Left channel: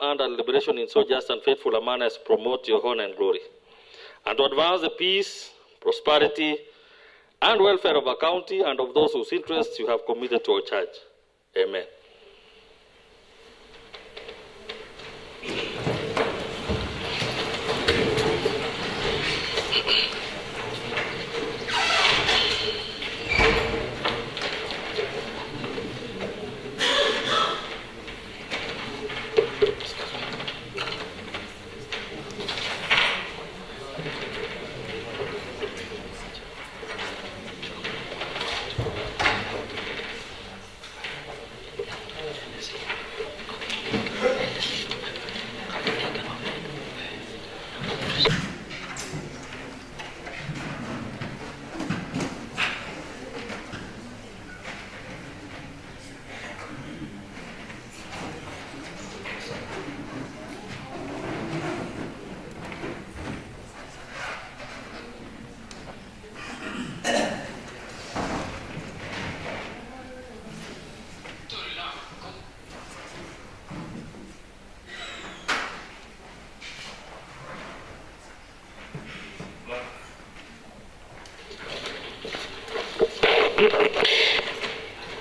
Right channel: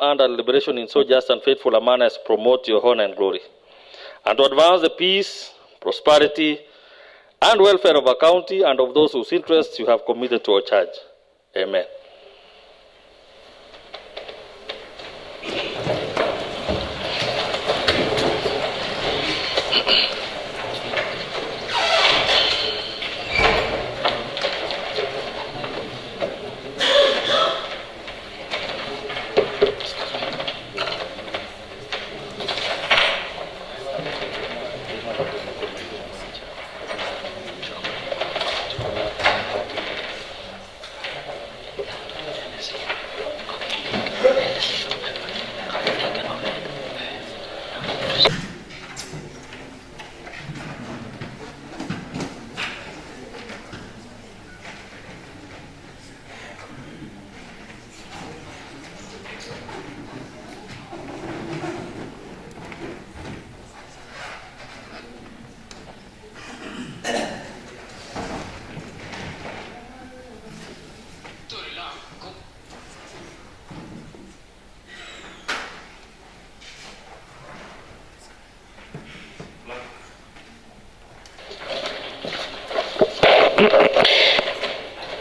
under liberation in so just and faithful a manner as to promote your honor and glory, and to advance the peace, prosperity, and welfare of our county and of those whose interests you have committed to our charge. Amen.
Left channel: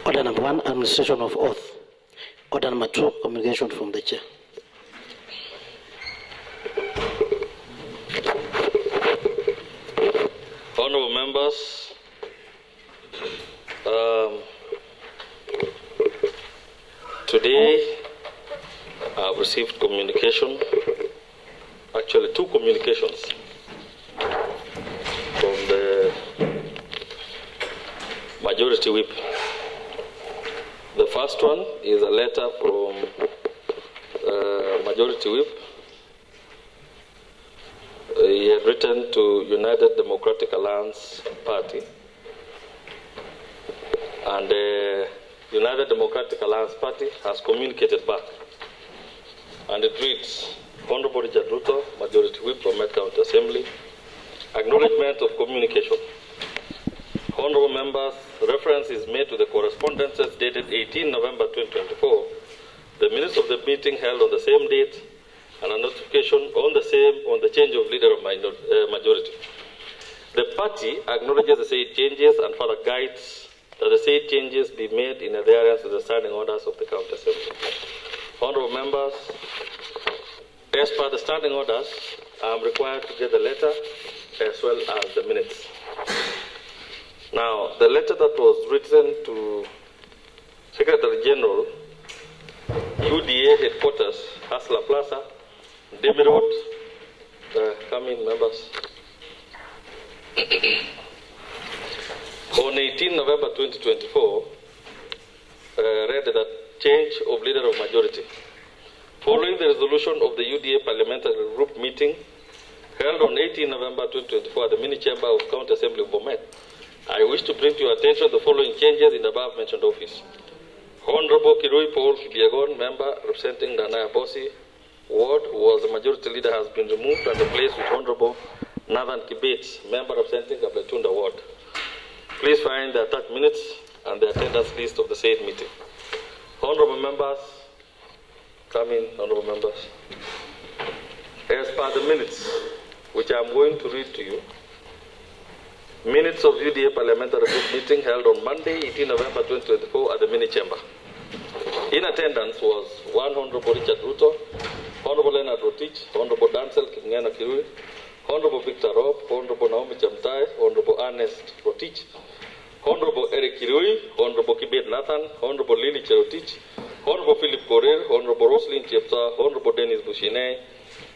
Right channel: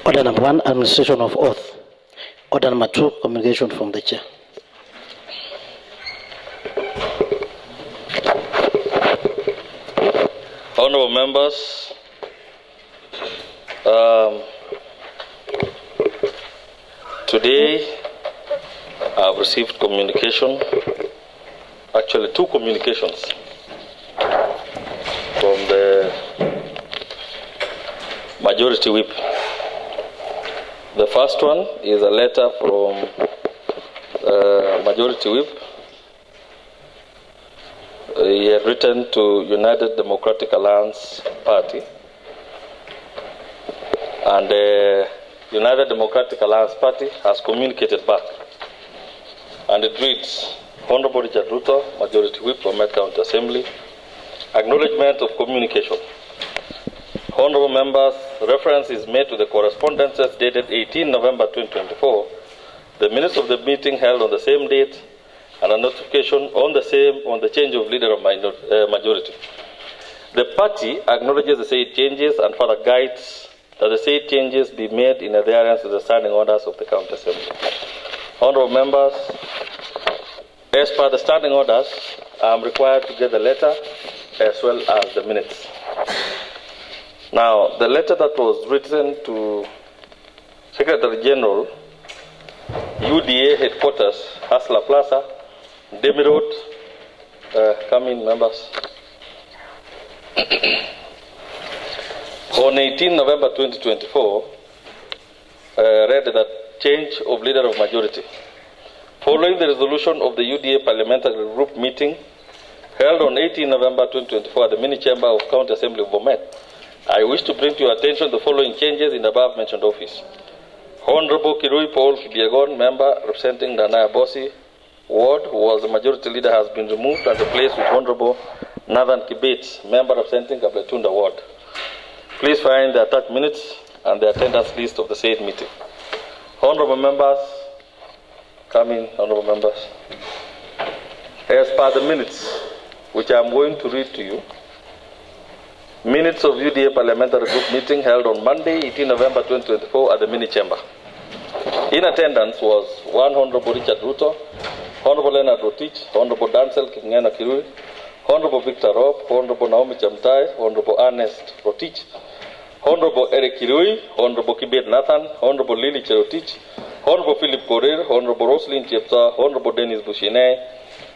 Order number 1, administration of oath. Order number 2, communication from the chair. Honorable members, today I have received communication, actually 2 communications from the Majority Whip. The first one is a letter from Majority Whip. He had written to United Democratic Alliance Party, and the United Democratic Alliance Party has communicated back, and it reads: Honorable Richard Ruto, Majority Whip, BOMET County Assembly, acknowledgement of communication. Honorable members, reference is made to the correspondences dated 18 November 2024, the minutes of the meeting held on the same date, and a notification on the change of leader of majority. The party acknowledges the said changes and further guides that the said changes be made in adherence to the standing orders of the County Assembly. Honorable members, as per the standing orders, I am required to get the letter as well as the minutes. Now, the letter that was written to Secretary General, UDA headquarters, Hasla Plaza, Demi Road, come in, members. On 18 November 2024, read that change of leader of majority. Following the resolution of the UDA parliamentary group meeting held on 18 November 2024 at the mini chamber of County Assembly of BOMET, I wish to bring to your attention the following changes in the above mentioned office. Honorable Kirui Paul Kibiagon, member representing the Anaya Bosi ward, who was the majority leader, has been removed and replaced with Honorable Nathan Kibet, member representing Kabletunda ward. Please find the attached minutes and the attendance list of the said meeting. Honorable members, come in, honorable members. As per the minutes, which I am going to read to you, minutes of UDA parliamentary group meeting held on Monday, 18 November 2024 at the mini chamber. In attendance was one Honorable Richard Ruto, Honorable Leonard Rotich, Honorable Dancel Kingena Kirui, Honorable Victor Rob, Honorable Naomi Chamtai, Honorable Ernest Rotich, Honorable Eric Kirui, Honorable Kibet Nathan, Honorable Lily Cherotich, Honorable Philip Korir, Honorable Roslyn Chepsa, Honorable Dennis Bushine,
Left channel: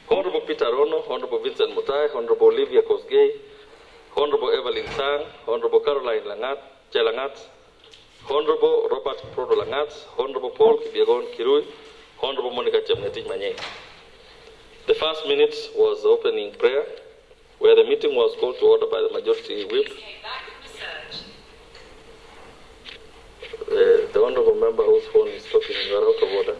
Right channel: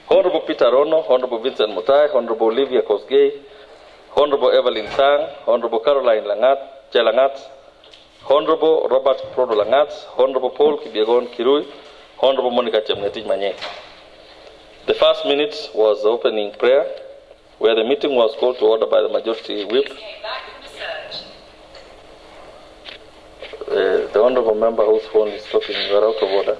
Honorable Peter Rono, Honorable Vincent Mutai, Honorable Olivia Kosgei, Honorable Evelyn Sang, Honorable Caroline Chelangat, Honorable Robert Prodo Langat, Honorable Paul Kibiegon Kirui, Honorable Monica Chemngetich Manye. The first minute was the opening prayer, where the meeting was called to order by the majority whip. The honorable member whose phone is talking, you are out of order.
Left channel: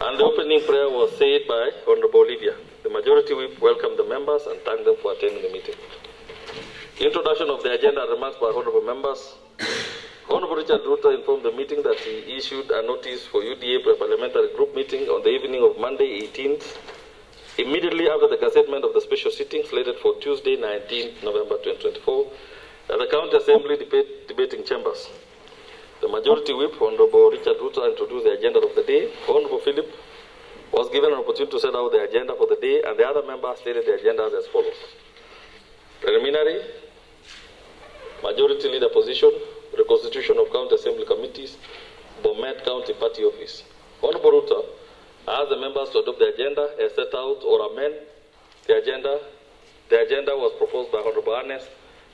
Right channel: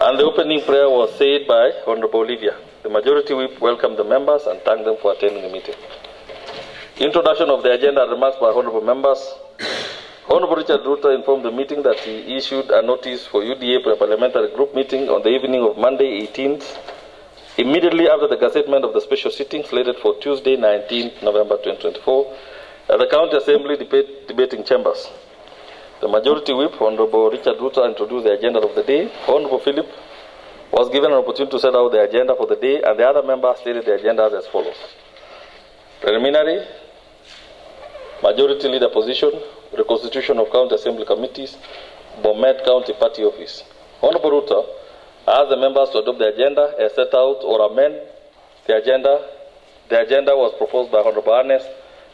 And the opening prayer was said by Honorable Olivia. The majority whip welcomed the members and thanked them for attending the meeting. Introduction of the agenda and remarks by honorable members. Honorable Richard Ruto informed the meeting that he issued a notice for UDA parliamentary group meeting on the evening of Monday 18th, immediately after the gazettement of the special sitting slated for Tuesday 19th November 2024 at the County Assembly debating chambers. The Majority Whip, Honorable Richard Ruto, introduced the agenda of the day. Honorable Philip was given an opportunity to set out the agenda for the day, and the other members stated the agenda as follows. Preliminary, Majority Leader position, reconstitution of County Assembly committees, BOMET County Party Office. Honorable Ruto asked the members to adopt the agenda as set out or amend the agenda. The agenda was proposed by Honorable Ernest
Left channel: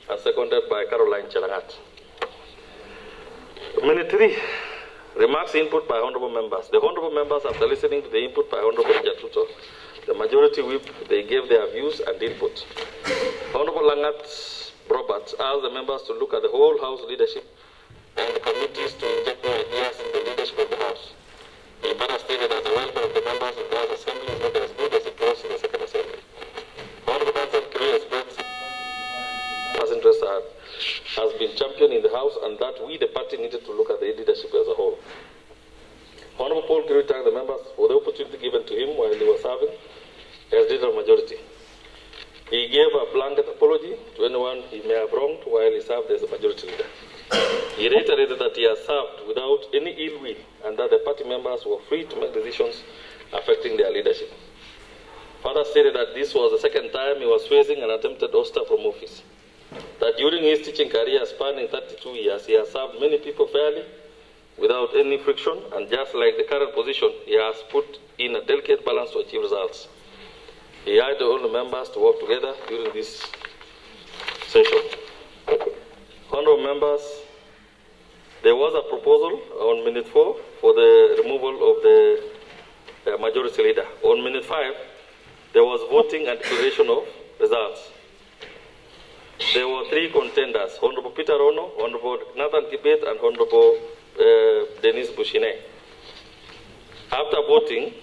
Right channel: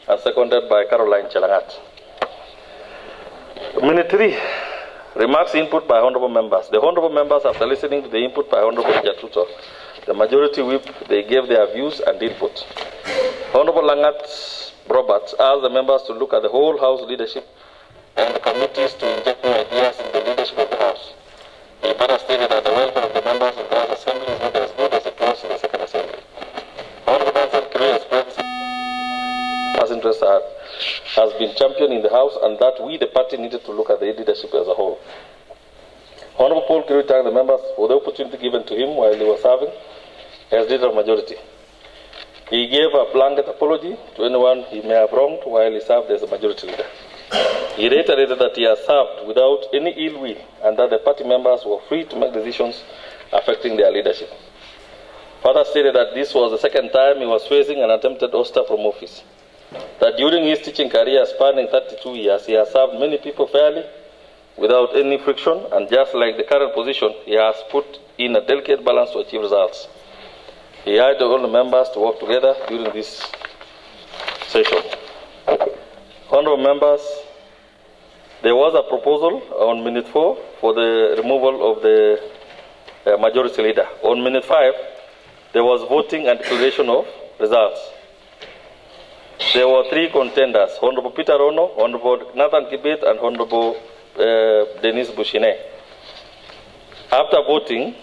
and seconded by Caroline Chelangat. Minute 3. Remarks input by honorable members. The honorable members, after listening to the input by Honorable Richard Ruto, the Majority Whip, they gave their views and input. Honorable Langat Roberts asked the members to look at the whole House leadership and committees to inject new ideas in the leadership of the House. He better stated that the welfare of the members of the House Assembly is not as good as it was in the Second Assembly. Honorable Nancy Kiru expressed as interest has been championed in the House, and that we, the party, needed to look at the leadership as a whole. Honorable Paul Kiru thanked the members for the opportunity given to him while he was serving as leader of majority. He gave a blanket apology to anyone he may have wronged while he served as a majority leader. He reiterated that he has served without any ill will and that the party members were free to make decisions affecting their leadership. Further stated that this was the second time he was facing an attempted ouster from office. That during his teaching career spanning 32 years, he has served many people fairly without any friction, and just like the current position, he has put in a delicate balance to achieve results. He urged all the members to work together during this session. Honorable members, there was a proposal on minute 4 for the removal of the majority leader. On minute 5, there was voting and declaration of results. There were 3 contenders, Honorable Peter Ono, Honorable Nathan Kibet, and Honorable Dennis Bushine. After voting,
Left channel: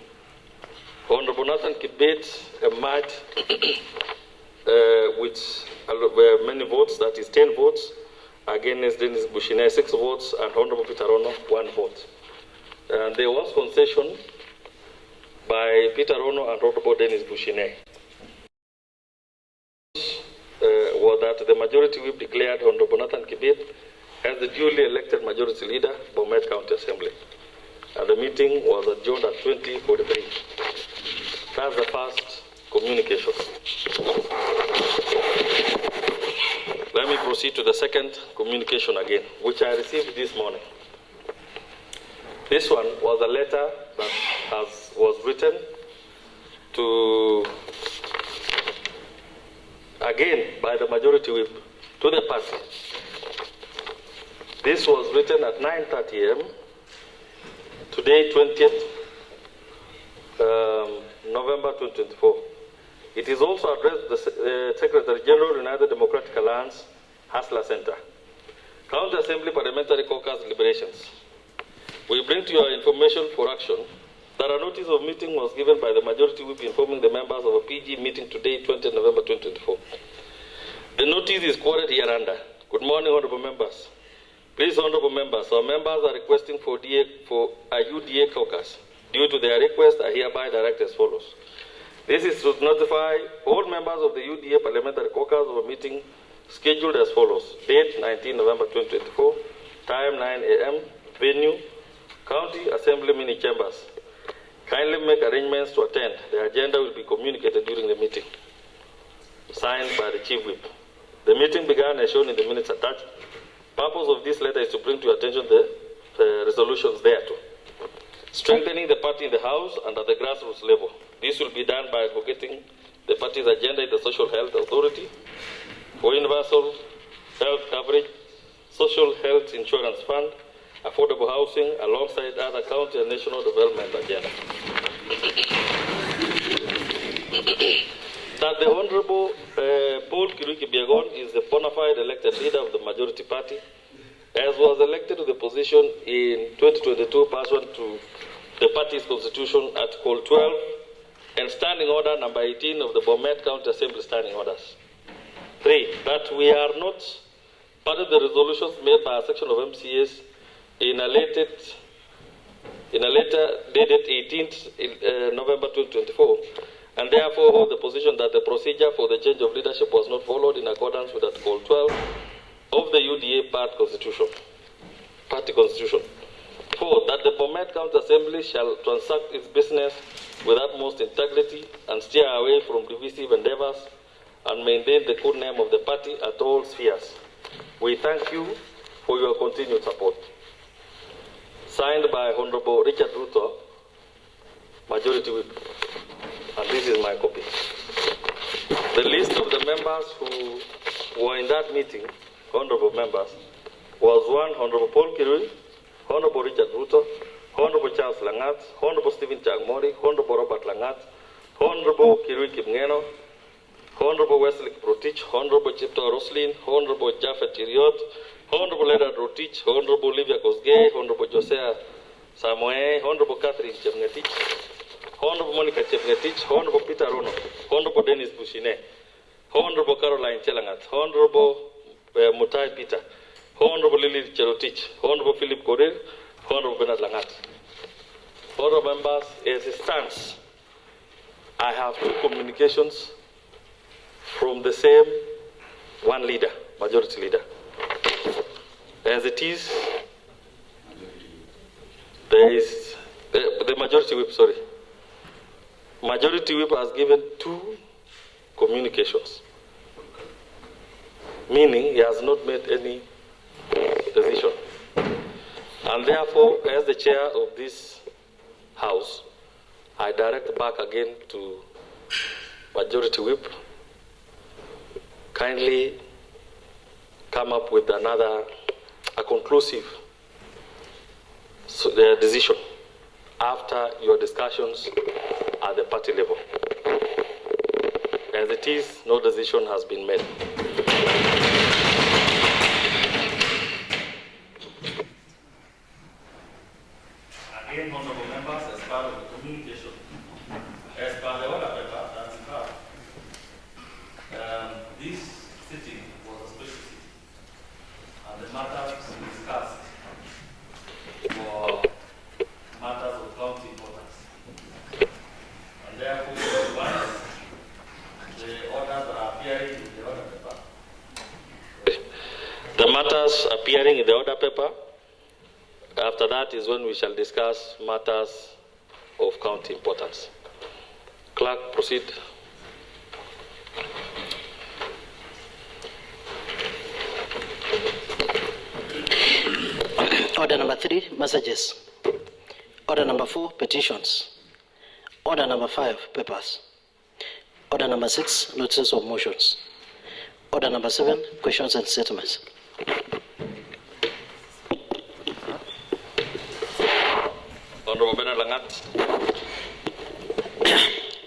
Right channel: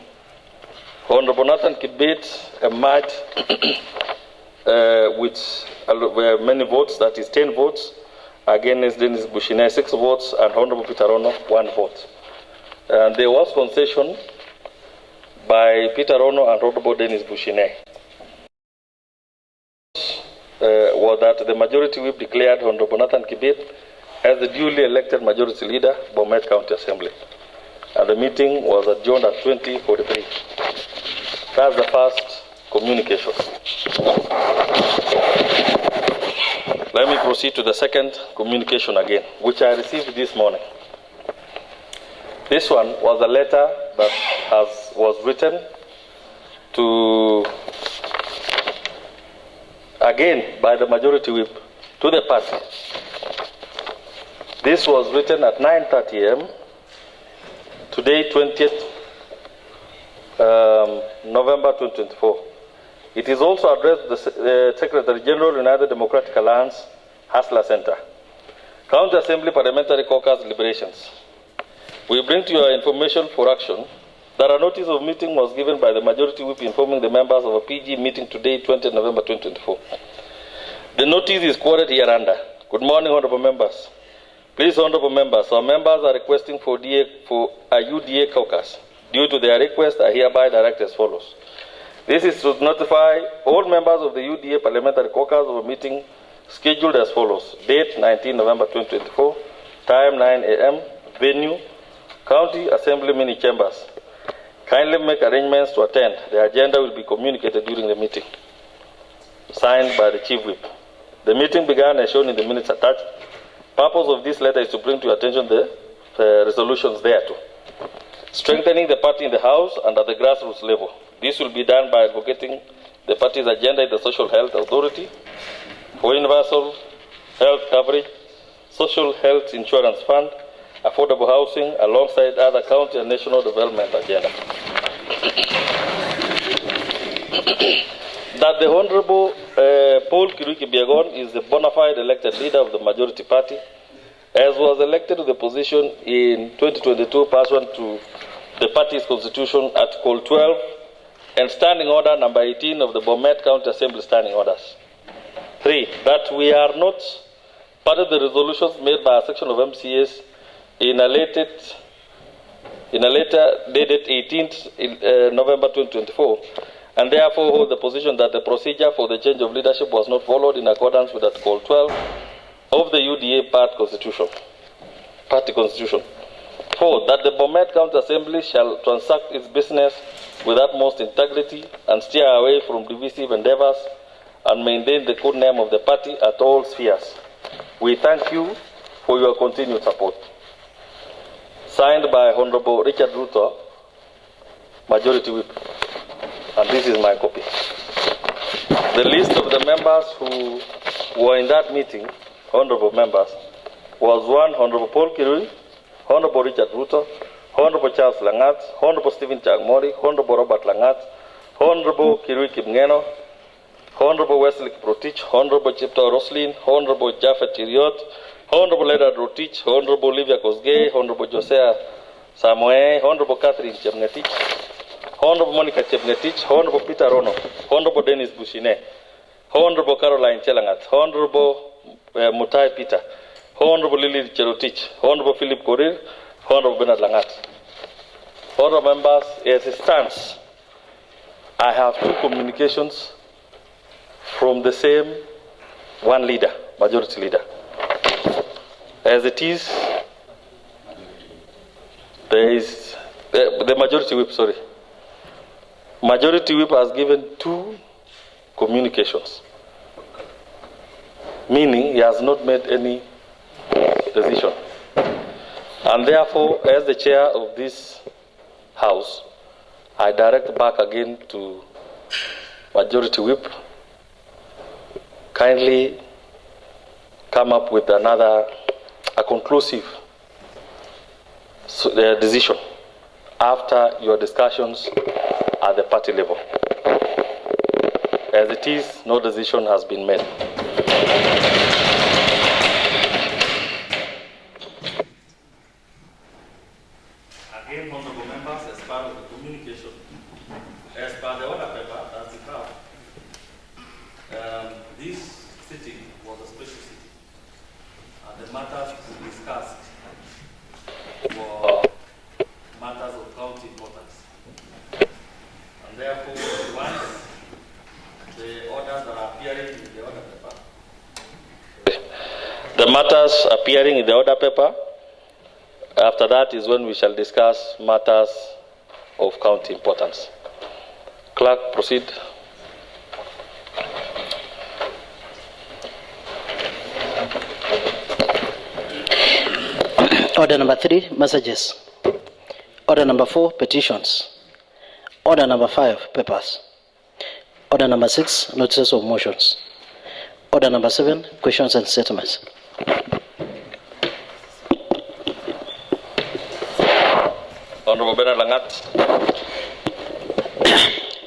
Honorable Nathan Kibet emerged with many votes, that is 10 votes, against Dennis Bushine 6 votes, and Honorable Peter Ono 1 vote. And there was concession by Peter Ono and Honorable Dennis Bushine. Was that the Majority Whip declared Honorable Nathan Kibet as the duly elected Majority Leader, BOMET County Assembly. And the meeting was adjourned at 20:43. That's the first communication. Let me proceed to the second communication again, which I received this morning. This one was a letter that was written to, again, by the Majority Whip to the party. This was written at 9:30 a.m. today, 20th November 2024. It is also addressed to the Secretary General, United Democratic Alliance, Hasla Center. County Assembly Parliamentary Caucus deliberations. We bring to your information for action that a notice of meeting was given by the Majority Whip informing the members of a PG meeting today, 20th November 2024. The notice is quoted hereunder. Good morning, honorable members. Please, honorable members, our members are requesting for a UDA caucus. Due to their request, I hereby direct as follows. This is to notify all members of the UDA Parliamentary Caucus of a meeting scheduled as follows. Date 19 November 2024, time 9 a.m., venue, County Assembly mini chambers. Kindly make arrangements to attend. The agenda will be communicated during the meeting. Signed by the Chief Whip. The meeting began as shown in the minutes attached. Purpose of this letter is to bring to your attention the resolutions thereto. Strengthening the party in the House and at the grassroots level. This will be done by advocating the party's agenda in the Social Health Authority for universal health coverage, Social Health Insurance Fund, affordable housing, alongside other county and national development agenda. That the Honorable Paul Kiru Biagon is the bona fide elected leader of the majority party, as was elected to the position in 2022 pursuant to the party's constitution, Article 12, and Standing Order number 18 of the BOMET County Assembly Standing Orders. 3. That we are not part of the resolutions made by a section of MCAs in a letter dated 18th November 2024, and therefore hold the position that the procedure for the change of leadership was not followed in accordance with Article 12 of the UDA Party Constitution. 4. That the BOMET County Assembly shall transact its business with utmost integrity and steer away from divisive endeavors and maintain the good name of the party at all spheres. We thank you for your continued support. Signed by Honorable Richard Ruto, Majority Whip. And this is my copy. The list of the members who were in that meeting, honorable members, was 1. Honorable Paul Kirui, Honorable Richard Ruto, Honorable Charles Langat, Honorable Stephen Chagmori, Honorable Robert Langat, Honorable Kirui Kimngeno, Honorable Wesley Protich, Honorable Chipto Roslin, Honorable Japheth Iriot, Honorable Edward Rotich, Honorable Olivia Kosgei, Honorable Josea Samoe, Honorable Catherine Chepngetich, Honorable Monica Chepngetich, Honorable Peter Rono, Honorable Dennis Bushine, Honorable Caroline Chelangat, Honorable Mutai Peter, Honorable Lily Cherotich, Honorable Philip Korir, Honorable Bernard Langat. Honorable members, as it stands, I have 2 communications from the same one leader, majority leader. As it is, there is the majority whip, sorry. Majority whip has given 2 communications, meaning he has not made any decision. And therefore, as the chair of this house, I direct back again to majority whip, kindly come up with a conclusive decision after your discussions at the party level. As it is, no decision has been made. Again, honorable members, as part of the communication, as per the order paper that's in fact, this sitting was a special sitting, and the matters discussed were matters of county importance. And therefore, once the orders are appearing in the order paper, the matters appearing in the order paper, after that is when we shall discuss matters of county importance. Clerk, proceed. Order number 3, messages. Order number 4, petitions. Order number 5, papers. Order number 6, notices of motions. Order number 7, questions and statements. Honorable Bernard Langat.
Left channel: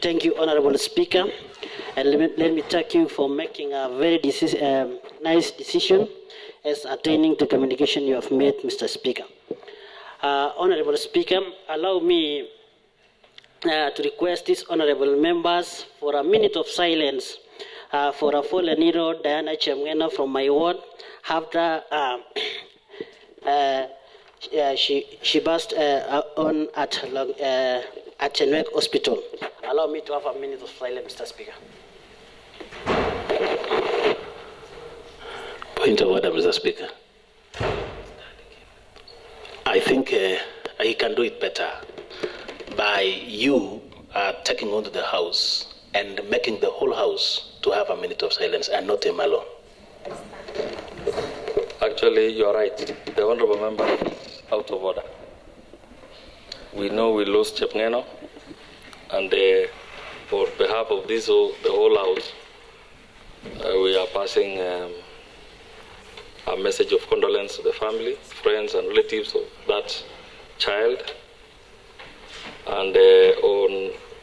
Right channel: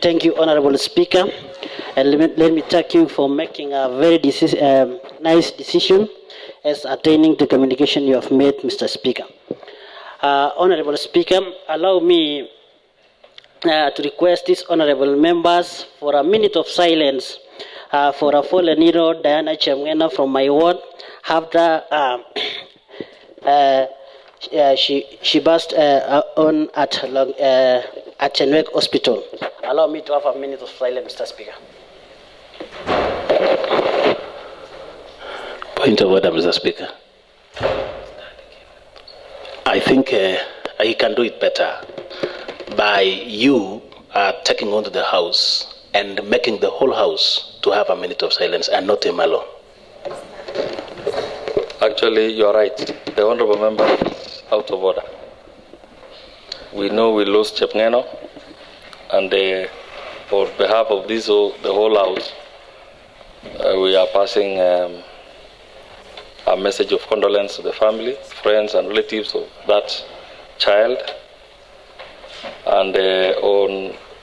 Thank you, Honorable Speaker. And let me thank you for making a very nice decision as attaining the communication you have made, Mr. Speaker. Honorable Speaker, allow me to request these honorable members for a minute of silence for a fallen hero, Diana Chemgena, from my ward, after she passed on at Chenwek Hospital. Allow me to have a minute of silence, Mr. Speaker. Point of order, Mr. Speaker. I think he can do it better by you taking on to the House and making the whole House to have a minute of silence and not him alone. Actually, you are right. The honorable member is out of order. We know we lost Chepngeno, and on behalf of this, the whole House, we are passing a message of condolence to the family, friends, and relatives of that child. And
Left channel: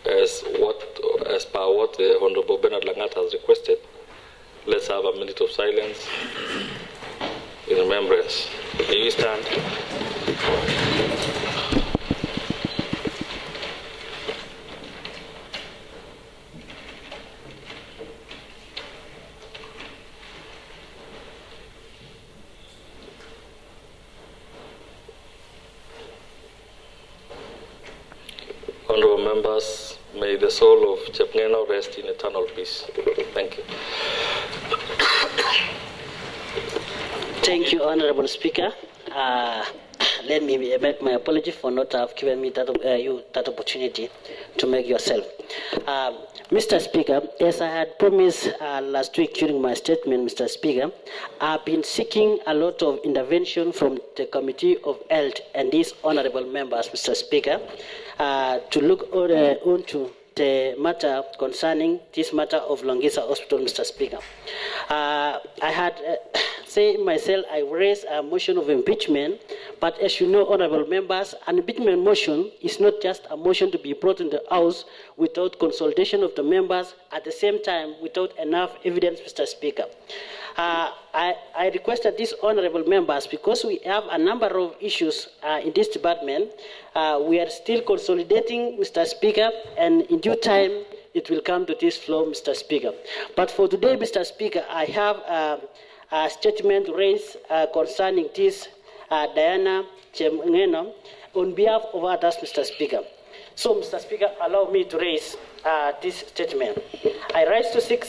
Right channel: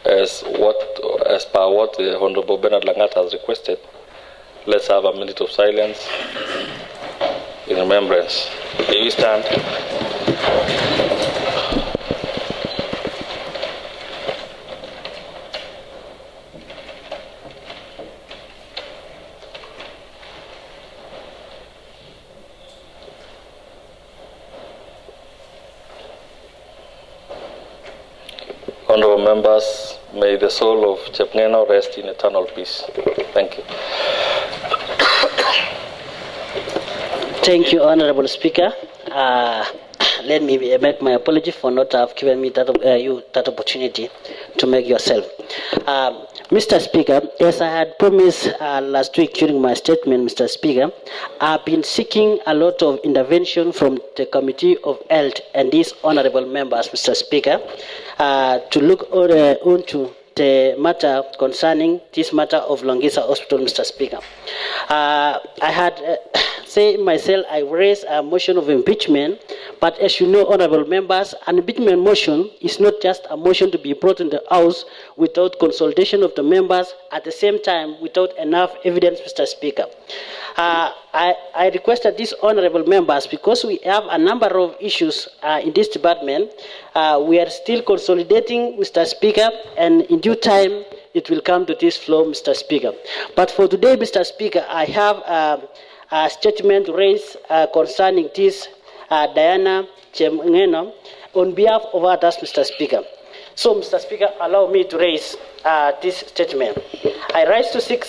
as per what the Honorable Bernard Langat has requested, let's have a minute of silence in remembrance. May we stand? fellow members, may the soul of Chepngeno rest in eternal peace. Thank you. Thank you, Honorable Speaker. Let me make my apology for not have given me that opportunity to make yourself. Mr. Speaker, as I had promised last week during my statement, Mr. Speaker, I've been seeking a lot of intervention from the Committee of Health and these honorable members, Mr. Speaker, to look onto the matter concerning this matter of Longisa Hospital, Mr. Speaker. I had said myself, I raised a motion of impeachment, but as you know, honorable members, an impeachment motion is not just a motion to be brought in the House without consultation of the members, at the same time without enough evidence, Mr. Speaker. I requested these honorable members, because we have a number of issues in this department, we are still consolidating, Mr. Speaker, and in due time, it will come to this floor, Mr. Speaker. But for today, Mr. Speaker, I have a statement raised concerning this Diana Chemngeno on behalf of others, Mr. Speaker. So, Mr. Speaker, allow me to raise this statement. I rise to seek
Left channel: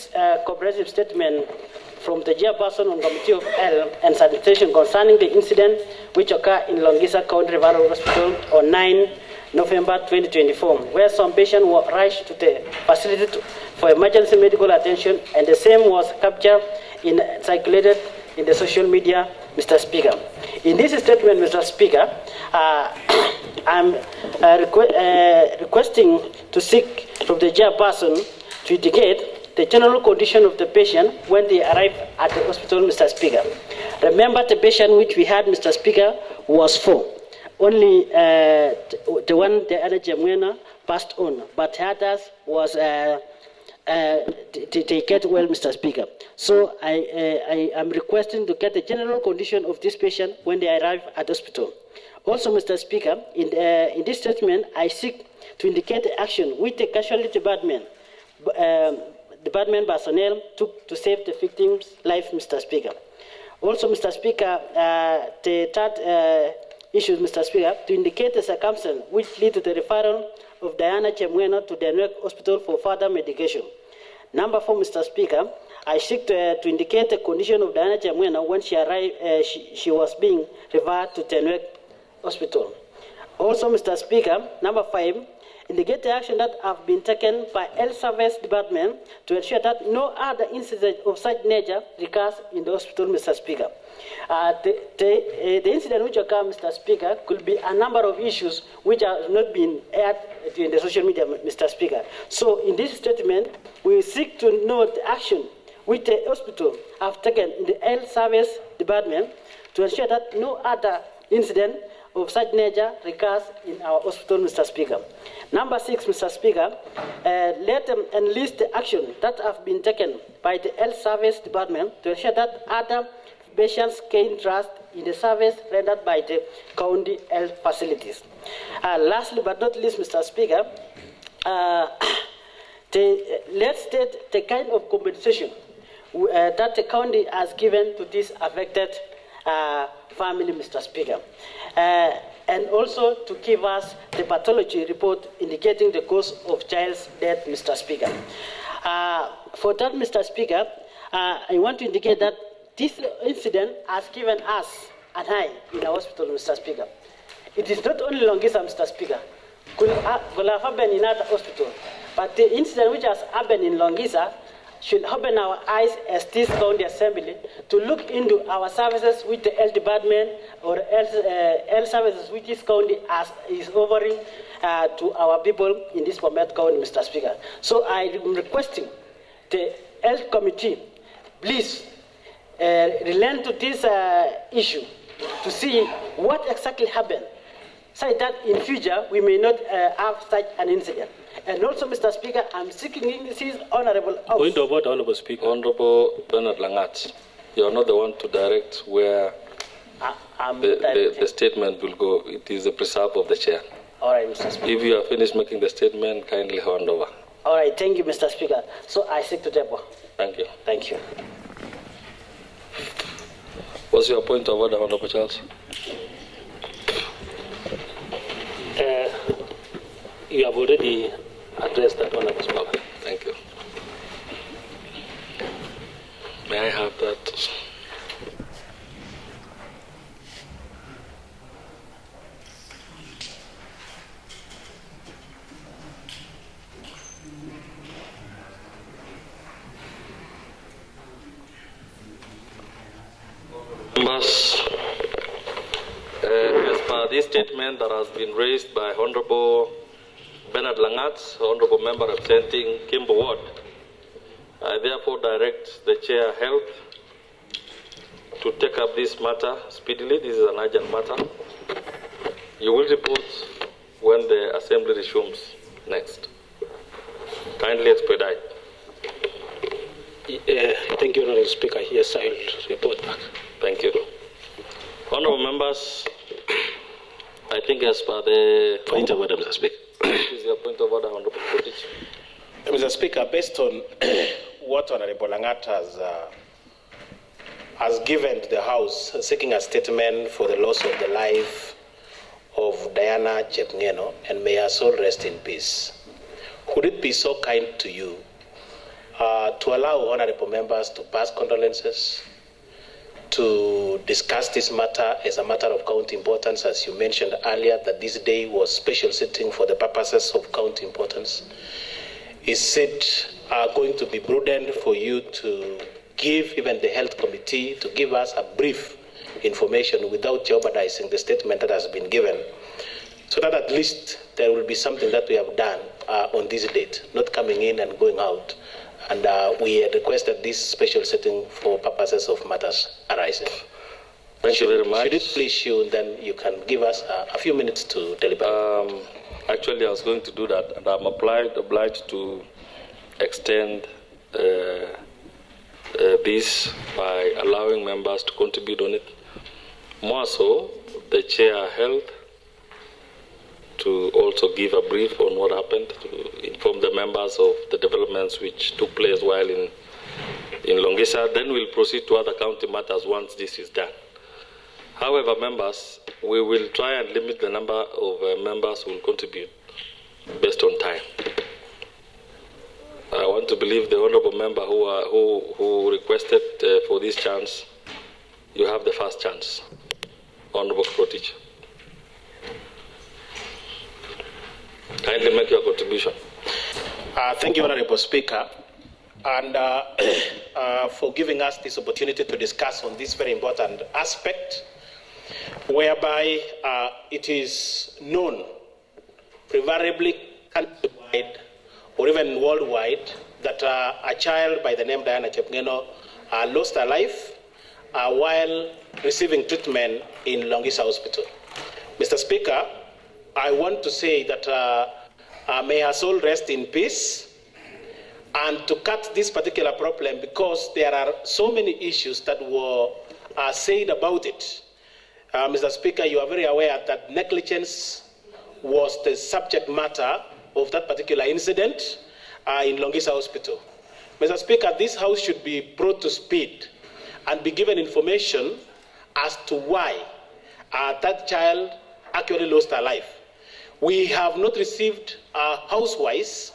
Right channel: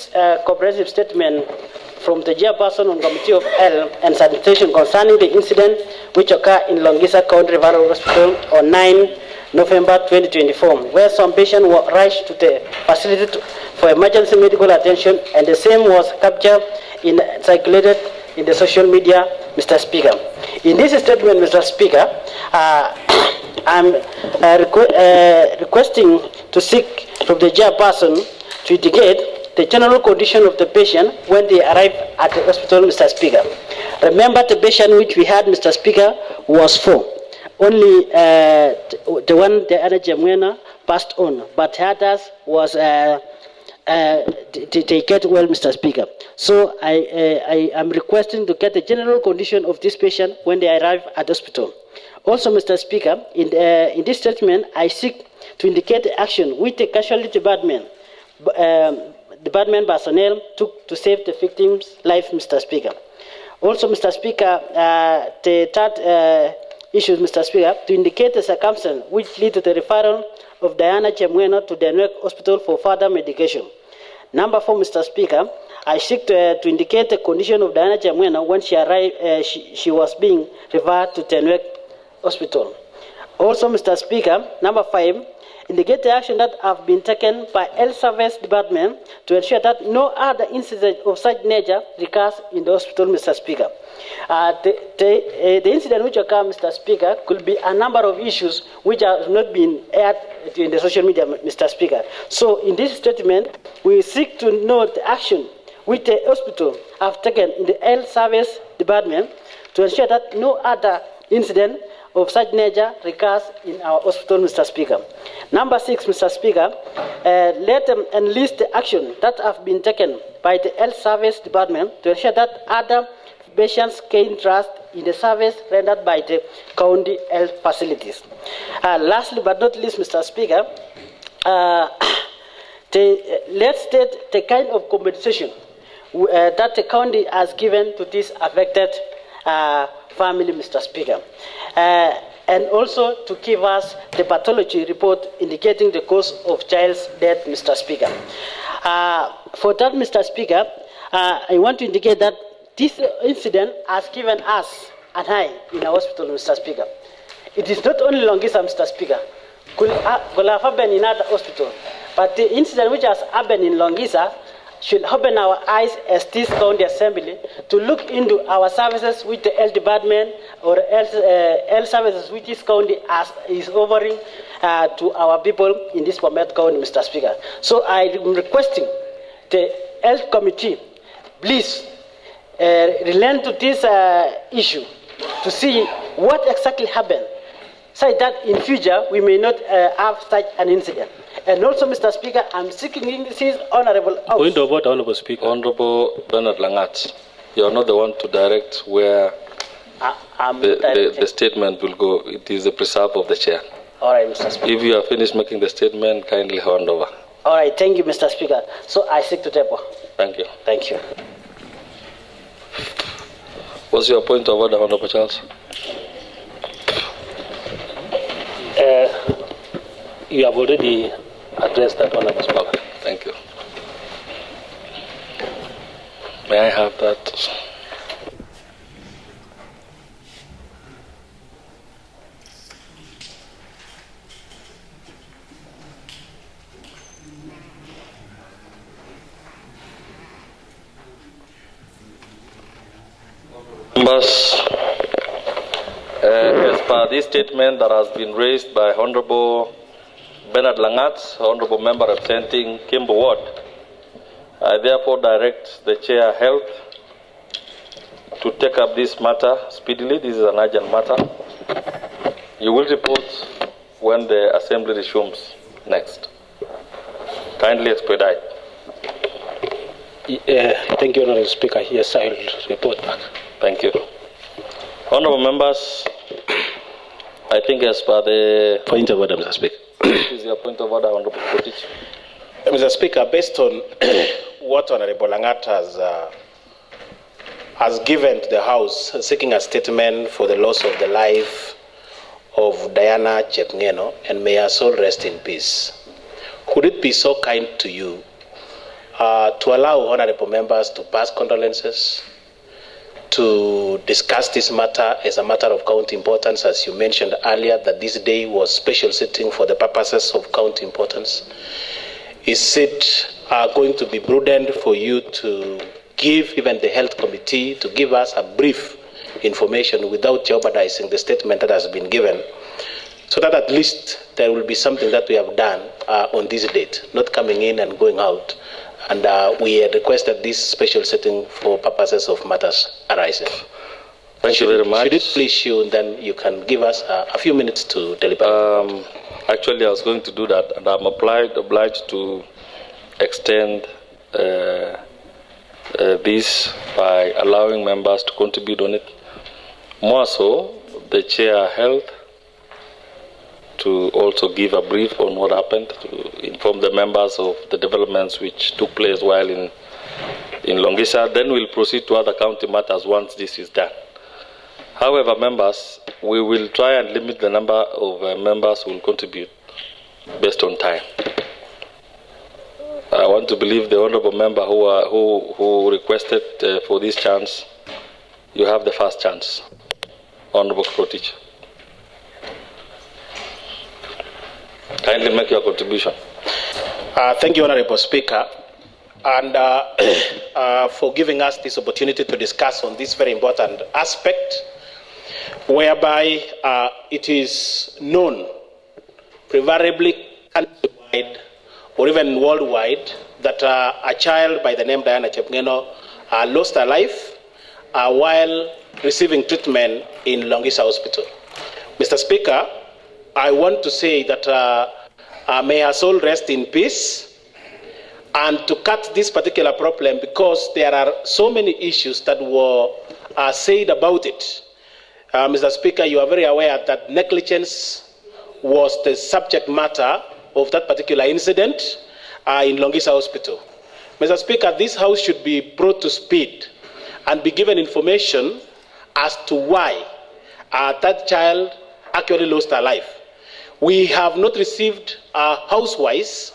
comprehensive statement from the chairperson on Committee of Health and Sanitation concerning the incident which occurred in Longisa County Referral Hospital on 9 November 2024, where some patient were rushed to the facility for emergency medical attention, and the same was captured and circulated in the social media, Mr. Speaker. In this statement, Mr. Speaker, I'm requesting to seek from the chairperson to indicate the general condition of the patient when they arrive at the hospital, Mr. Speaker. Remember, the patient which we had, Mr. Speaker, was 4. Only the one, the other Chemngeno, passed on, but the others was they get well, Mr. Speaker. So I am requesting to get the general condition of this patient when they arrive at the hospital. Also, Mr. Speaker, in this statement, I seek to indicate the action which the casualty department personnel took to save the victim's life, Mr. Speaker. Also, Mr. Speaker, the third issue, Mr. Speaker, to indicate the circumstance which lead to the referral of Diana Chemngeno to the Newark Hospital for further medication. Number 4, Mr. Speaker, I seek to indicate the condition of Diana Chemngeno when she arrived. She was being referred to the Newark Hospital. Also, Mr. Speaker, number 5, indicate the action that have been taken by Health Service Department to ensure that no other incident of such nature recurs in the hospital, Mr. Speaker. The incident which occurred, Mr. Speaker, could be a number of issues which have not been aired in the social media, Mr. Speaker. So, in this statement, we seek to know the action which the hospital have taken in the Health Service Department to ensure that no other incident of such nature recurs in our hospital, Mr. Speaker. Number 6, Mr. Speaker, let them enlist the action that have been taken by the Health Service Department to ensure that other patients gain trust in the service rendered by the county health facilities. Lastly but not least, Mr. Speaker, let's state the kind of compensation that the county has given to this affected family, Mr. Speaker. And also to give us the pathology report indicating the cause of child's death, Mr. Speaker. For that, Mr. Speaker, I want to indicate that this incident has given us an eye in our hospital, Mr. Speaker. It is not only Longisa, Mr. Speaker. Could have happened in other hospital, but the incident which has happened in Longisa should open our eyes as this county assembly to look into our services which the health department or health services which this county is offering to our people in this BOMET county, Mr. Speaker. So I am requesting the health committee, please relent to this issue to see what exactly happened, so that in future we may not have such an incident. And also, Mr. Speaker, I'm seeking this honorable house. Point of order, Honorable Speaker. Honorable Bernard Langat, you are not the one to direct where the statement will go. It is the preserve of the chair. All right, Mr. Speaker. If you are finished making the statement, kindly hand over. All right, thank you, Mr. Speaker. So I seek to table. Thank you. Thank you. What's your point of order, Honorable Charles? You have already addressed that one, Speaker. Thank you. May I have that? Members, as per this statement that has been raised by Honorable Bernard Langat, Honorable Member representing Kimbo Ward, I therefore direct the Chair Health to take up this matter speedily. This is an urgent matter. You will report when the Assembly resumes next. Kindly expedite. Thank you, Honorable Speaker. Yes, I will report back. Thank you. Honorable members, I think as per the Point of order, Mr. Speaker. is your point of order, Honorable Kotich. Mr. Speaker, based on what Honorable Langat has given to the House, seeking a statement for the loss of the life of Diana Chepngeno, and may her soul rest in peace, would it be so kind to you to allow honorable members to pass condolences, to discuss this matter as a matter of county importance, as you mentioned earlier, that this day was special sitting for the purposes of county importance? Is it going to be prudent for you to give even the health committee to give us a brief information without jeopardizing the statement that has been given, so that at least there will be something that we have done on this date, not coming in and going out? And we had requested this special sitting for purposes of matters arising. Thank you very much. Should it please you, and then you can give us a few minutes to deliberate. Actually, I was going to do that, and I'm obliged to extend this by allowing members to contribute on it. More so, the Chair Health to also give a brief on what happened, to inform the members of the developments which took place while in Longisa. Then we'll proceed to other county matters once this is done. However, members, we will try and limit the number of members who will contribute based on time. I want to believe the honorable member who requested for this chance. You have the first chance, Honorable Krotich. Kindly make your contribution. Thank you, Honorable Speaker, and for giving us this opportunity to discuss on this very important aspect, whereby it is known, preferably countrywide or even worldwide, that a child by the name Diana Chepngeno lost her life while receiving treatment in Longisa Hospital. Mr. Speaker, I want to say that may her soul rest in peace, and to cut this particular problem, because there are so many issues that were said about it. Mr. Speaker, you are very aware that negligence was the subject matter of that particular incident in Longisa Hospital. Mr. Speaker, this House should be brought to speed and be given information as to why that child actually lost her life. We have not received house-wise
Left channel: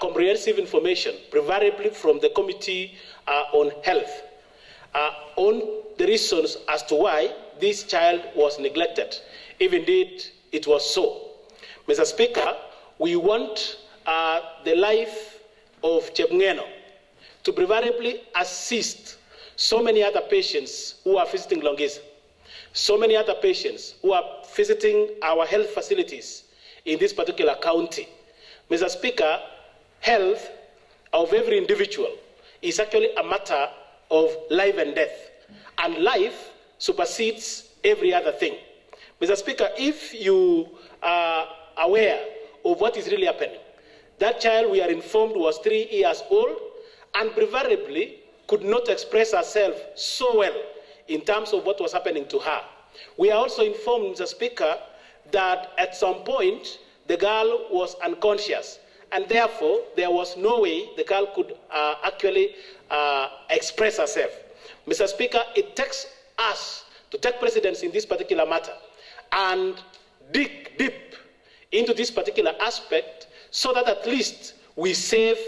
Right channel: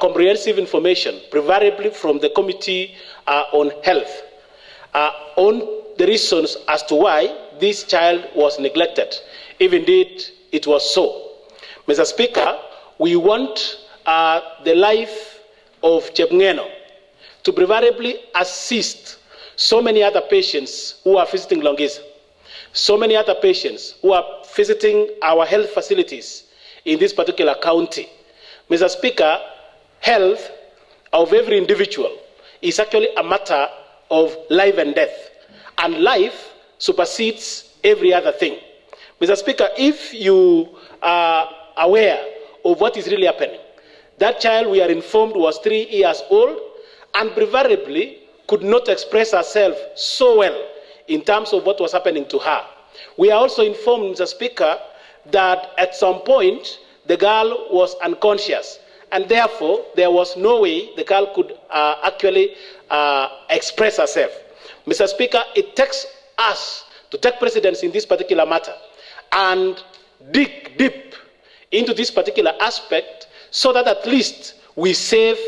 comprehensive information, preferably from the Committee on Health, on the reasons as to why this child was neglected, if indeed it was so. Mr. Speaker, we want the life of Chepngeno to preferably assist so many other patients who are visiting Longisa, so many other patients who are visiting our health facilities in this particular county. Mr. Speaker, health of every individual is actually a matter of life and death, and life supersedes every other thing. Mr. Speaker, if you are aware of what is really happening, that child, we are informed, was 3 years old and preferably could not express herself so well in terms of what was happening to her. We are also informed, Mr. Speaker, that at some point the girl was unconscious, and therefore there was no way the girl could actually express herself. Mr. Speaker, it takes us to take precedence in this particular matter and dig deep into this particular aspect so that at least we save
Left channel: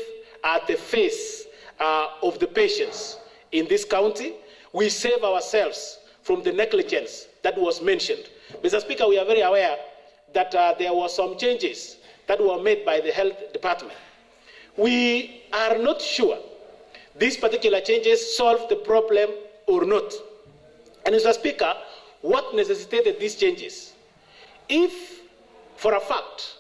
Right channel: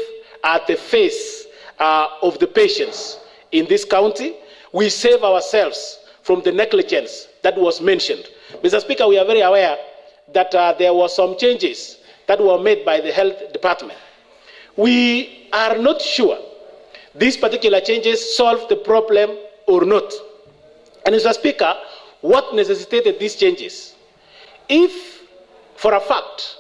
the face of the patients in this county. We save ourselves from the negligence that was mentioned. Mr. Speaker, we are very aware that there were some changes that were made by the health department. We are not sure these particular changes solve the problem or not. And Mr. Speaker, what necessitated these changes? If, for a fact,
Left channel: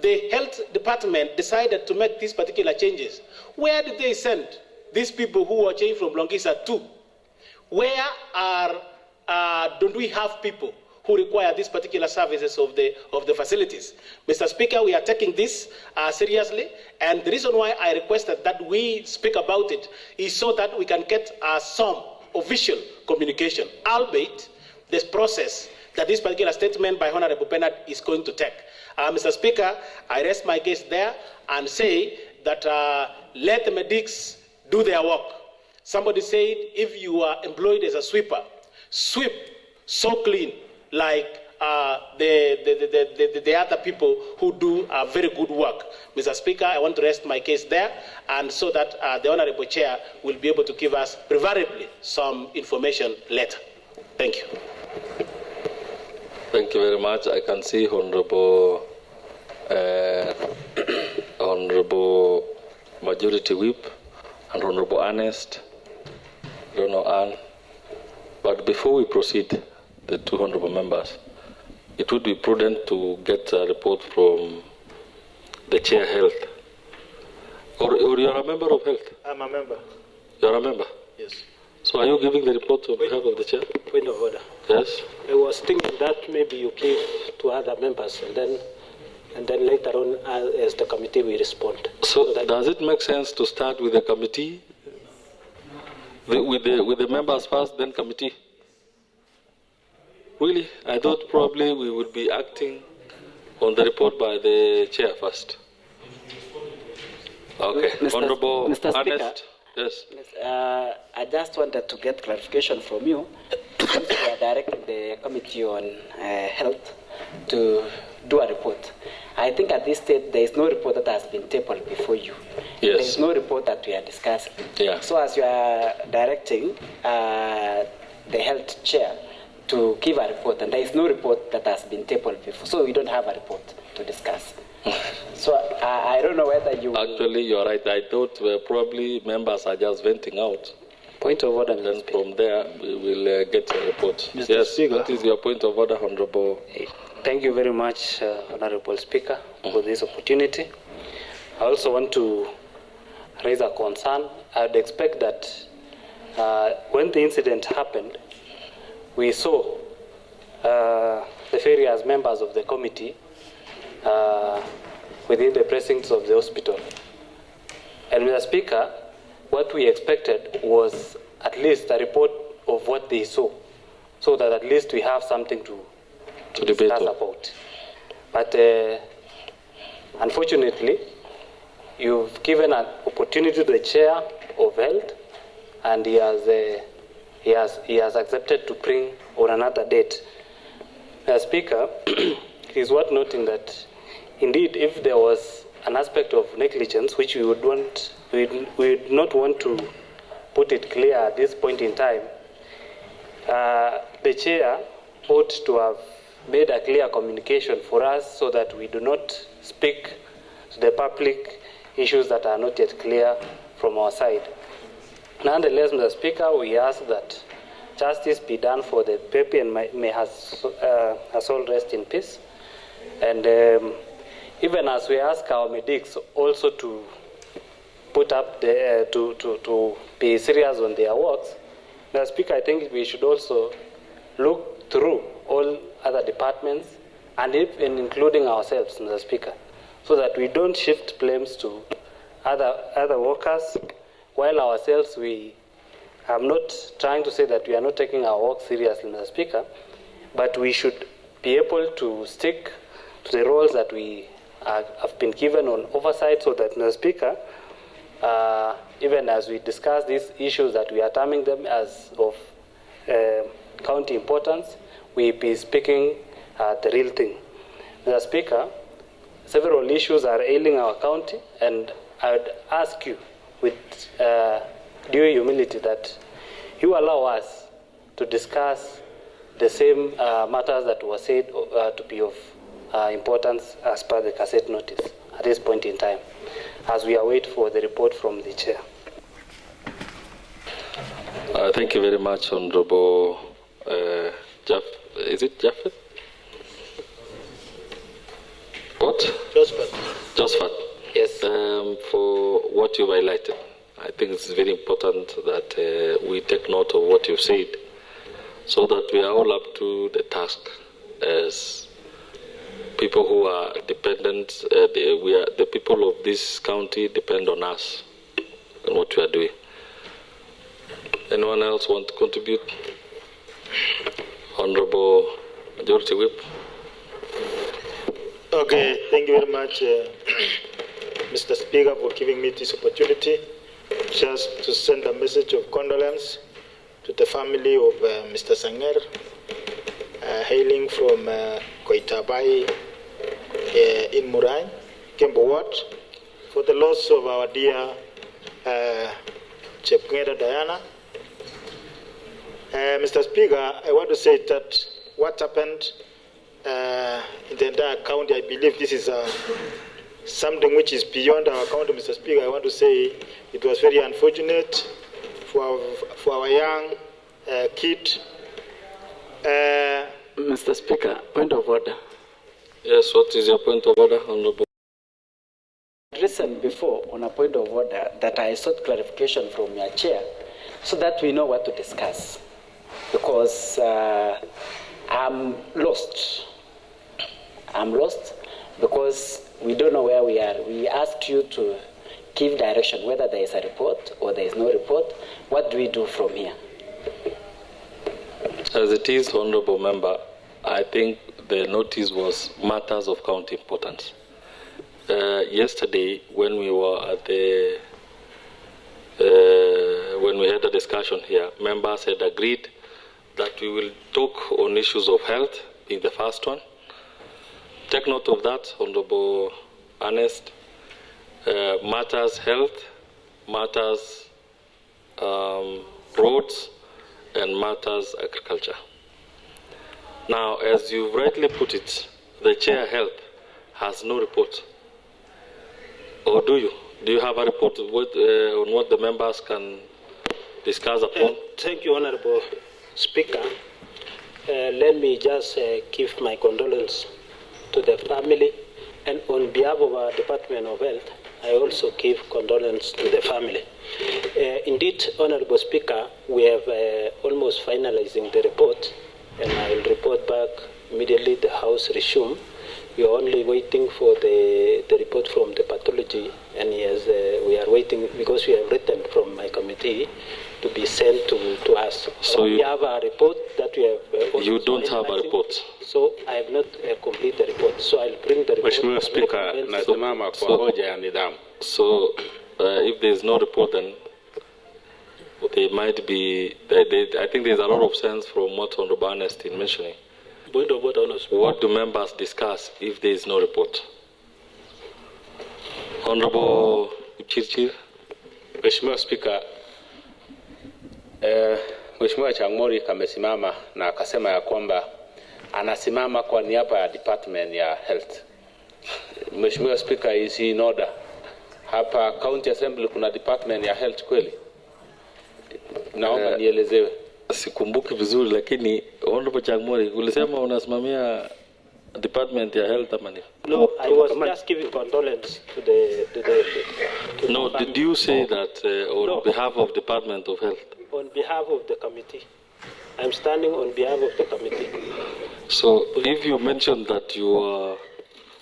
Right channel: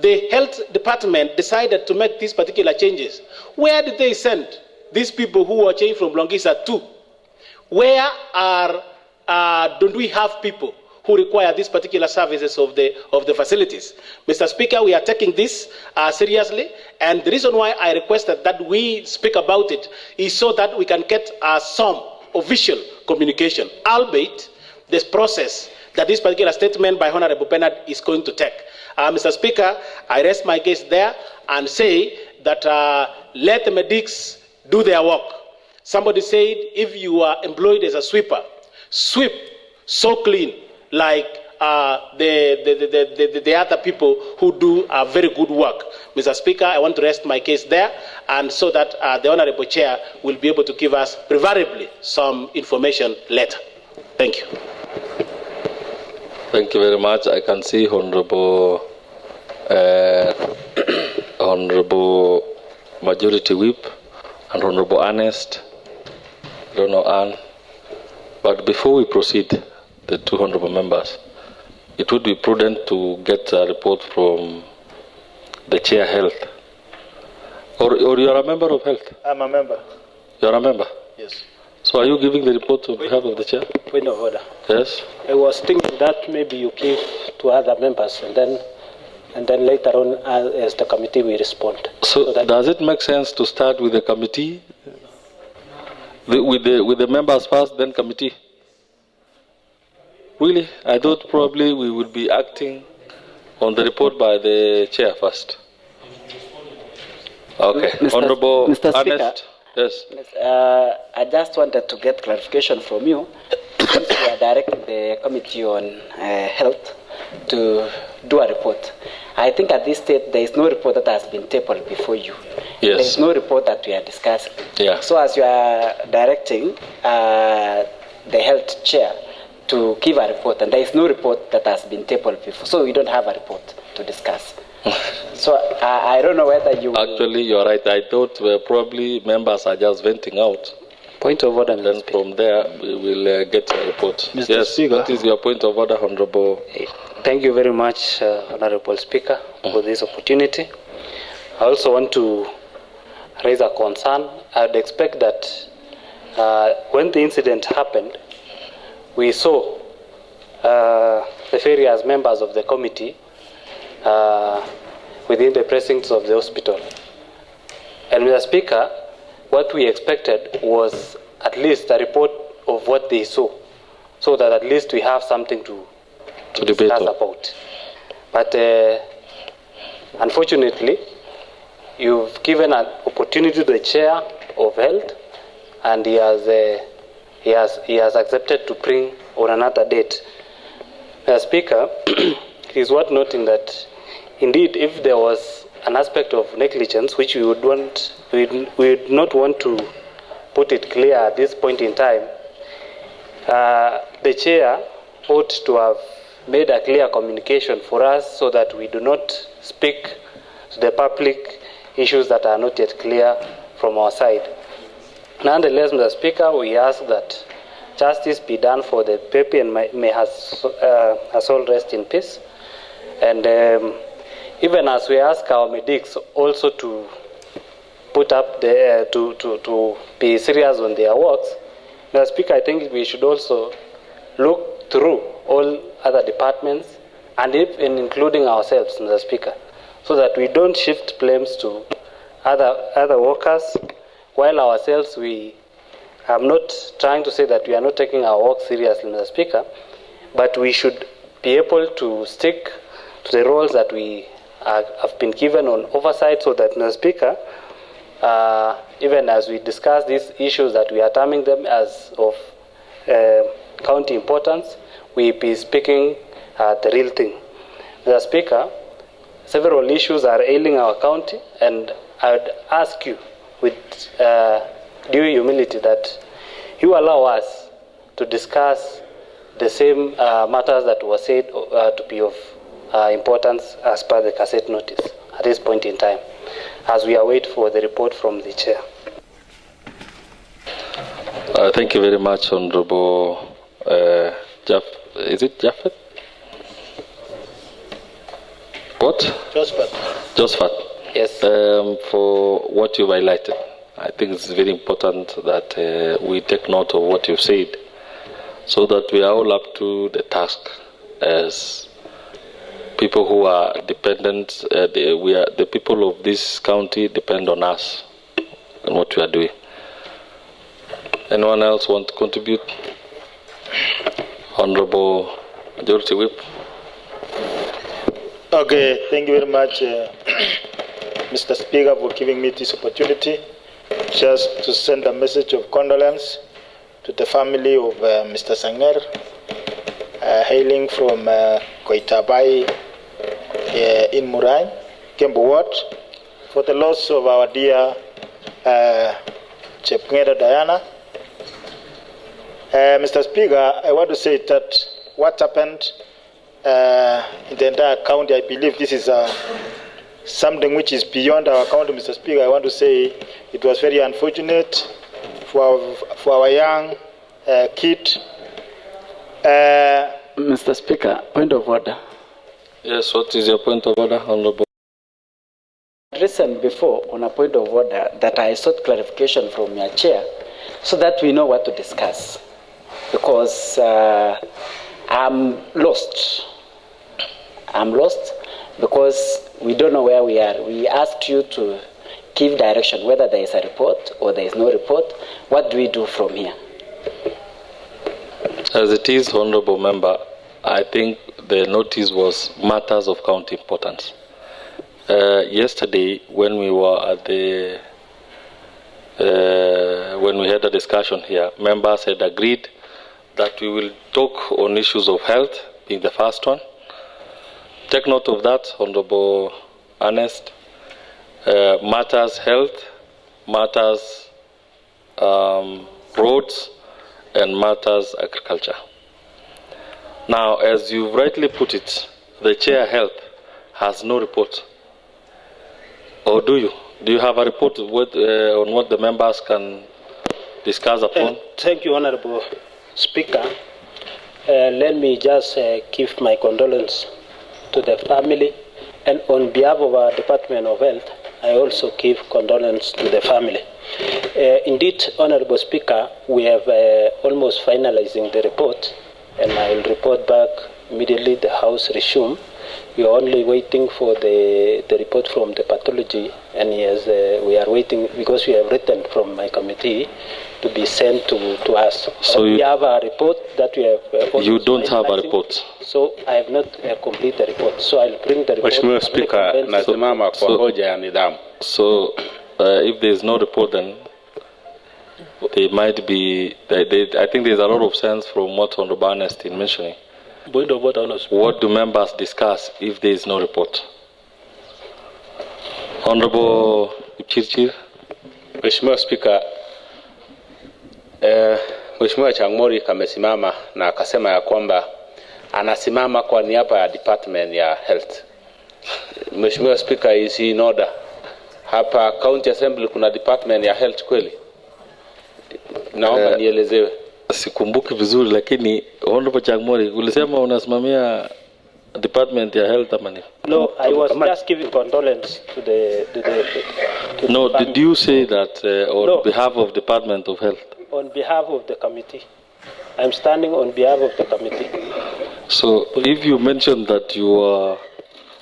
the health department decided to make these particular changes, where did they send these people who were changed from Longisa to? Where don't we have people who require these particular services of the facilities? Mr. Speaker, we are taking this seriously, and the reason why I requested that we speak about it is so that we can get some official communication, albeit this process that this particular statement by Honorable Bernard is going to take. Mr. Speaker, I rest my case there and say that let the medics do their work. Somebody said if you are employed as a sweeper, sweep so clean like the other people who do very good work. Mr. Speaker, I want to rest my case there, and so that the Honorable Chair will be able to give us, preferably, some information later. Thank you. Thank you very much. I can see Honorable Honorable Majority Whip and Honorable Ernest. I don't know Anne. But before we proceed, the two honorable members, it would be prudent to get a report from the Chair Health. Or you are a member of Health? I'm a member. You are a member? Yes. So are you giving the report on behalf of the Chair? Point of order. Yes. I was thinking that maybe you give to other members and then later on as the committee we respond. So does it make sense to start with the committee? With the members first, then committee? Really? I thought probably we would be acting on the report by the Chair first. Okay. Honorable Mr. Speaker, Ernest. Yes. I just wanted to get clarification from you. Since we are directing the Committee on Health to do a report. I think at this stage there is no report that has been tabled before you. Yes. There is no report that we are discussing. Yeah. So as you are directing the Health Chair to give a report, and there is no report that has been tabled before, so we don't have a report to discuss. So I don't know whether you... Actually, you're right. I thought probably members are just venting out. Point of order. And then from there, we will get a report. Mr. Yes, Speaker. what is your point of order, Honorable? Thank you very much, Honorable Speaker, for this opportunity. I also want to raise a concern. I would expect that when the incident happened, we saw the various members of the committee within the precincts of the hospital. And Mr. Speaker, what we expected was at least a report of what they saw, so that at least we have something to discuss about. But unfortunately, you've given an opportunity to the Chair of Health, and he has accepted to bring on another date. Mr. Speaker, it is worth noting that indeed, if there was an aspect of negligence which we would not want to put it clear at this point in time, the Chair ought to have made a clear communication for us so that we do not speak to the public issues that are not yet clear from our side. Nonetheless, Mr. Speaker, we ask that justice be done for the baby and may her soul rest in peace. And even as we ask our medics also to put up to be serious on their works, Mr. Speaker, I think we should also look through all other departments and even including ourselves, Mr. Speaker, so that we don't shift blames to other workers, while ourselves we are not trying to say that we are not taking our work seriously, Mr. Speaker, but we should be able to stick to the roles that we have been given on oversight, so that, Mr. Speaker, even as we discuss these issues that we are terming them as of county importance, we be speaking the real thing. Mr. Speaker, several issues are ailing our county, and I would ask you with due humility that you allow us to discuss the same matters that were said to be of importance as per the cassette notice at this point in time, as we await for the report from the chair. Thank you very much, Honorable is it Japheth? What? Josephat. Yes. For what you've highlighted. I think it's very important that we take note of what you've said so that we are all up to the task as people who are dependent. The people of this county depend on us and what we are doing. Anyone else want to contribute? Honorable Majority Whip. Okay, thank you very much, Mr. Speaker, for giving me this opportunity just to send a message of condolence to the family of Mr. Sanger, hailing from Koitabai in Murai, Kembu Ward, for the loss of our dear Chepngera Diana. Mr. Speaker, I want to say that what happened in the entire county, I believe this is something which is beyond our county, Mr. Speaker. I want to say it was very unfortunate for our young kid. Mr. Speaker, point of order. Yes, what is your point of order, Honorable? Recent before on a point of order that I sought clarification from your chair so that we know what to discuss. Because I'm lost. I'm lost because we don't know where we are. We asked you to give direction, whether there is a report or there is no report. What do we do from here? As it is, Honorable Member, I think the notice was matters of county importance. Yesterday, when we were at the when we had a discussion here, members had agreed that we will talk on issues of health, being the first one. Take note of that, Honorable Ernest. Matters health, matters roads, and matters agriculture. Now, as you rightly put it, the Chair Health has no report. Or do you? Do you have a report on what the members can discuss upon? Thank you, Honorable Speaker. Let me just give my condolence to the family, and on behalf of our Department of Health, I also give condolence to the family. Indeed, Honorable Speaker, we have almost finalizing the report, and I will report back immediately the House resume. We are only waiting for the report from the pathology, and yes, we are waiting because we have written from my committee to be sent to us. So we have a report that we have. You don't have a report. So I have not completed the report. So I'll bring the report. Mheshimiwa Speaker, nasimama kwa hoja ya nidhamu. So if there is no report, then they might be. I think there is a lot of sense from what Honorable Ernest is mentioning. What do members discuss if there is no report? Honorable Chirchir. Mheshimiwa Speaker, Mheshimiwa Changmori kamesimama na akasema ya kwamba anasimama kwa niaba ya Department ya Health. Mheshimiwa Speaker, is he in order? Hapa County Assembly kuna Department ya Health kweli? Naomba nielezewe. Sikumbuki vizuri, lakini Honorable Changmori, ulisema unasimamia Department ya Health ama ni? No, I was just giving condolence to No, the did you say that on behalf of Department of Health? On behalf of the committee. I'm standing on behalf of the committee. So if you mentioned that you are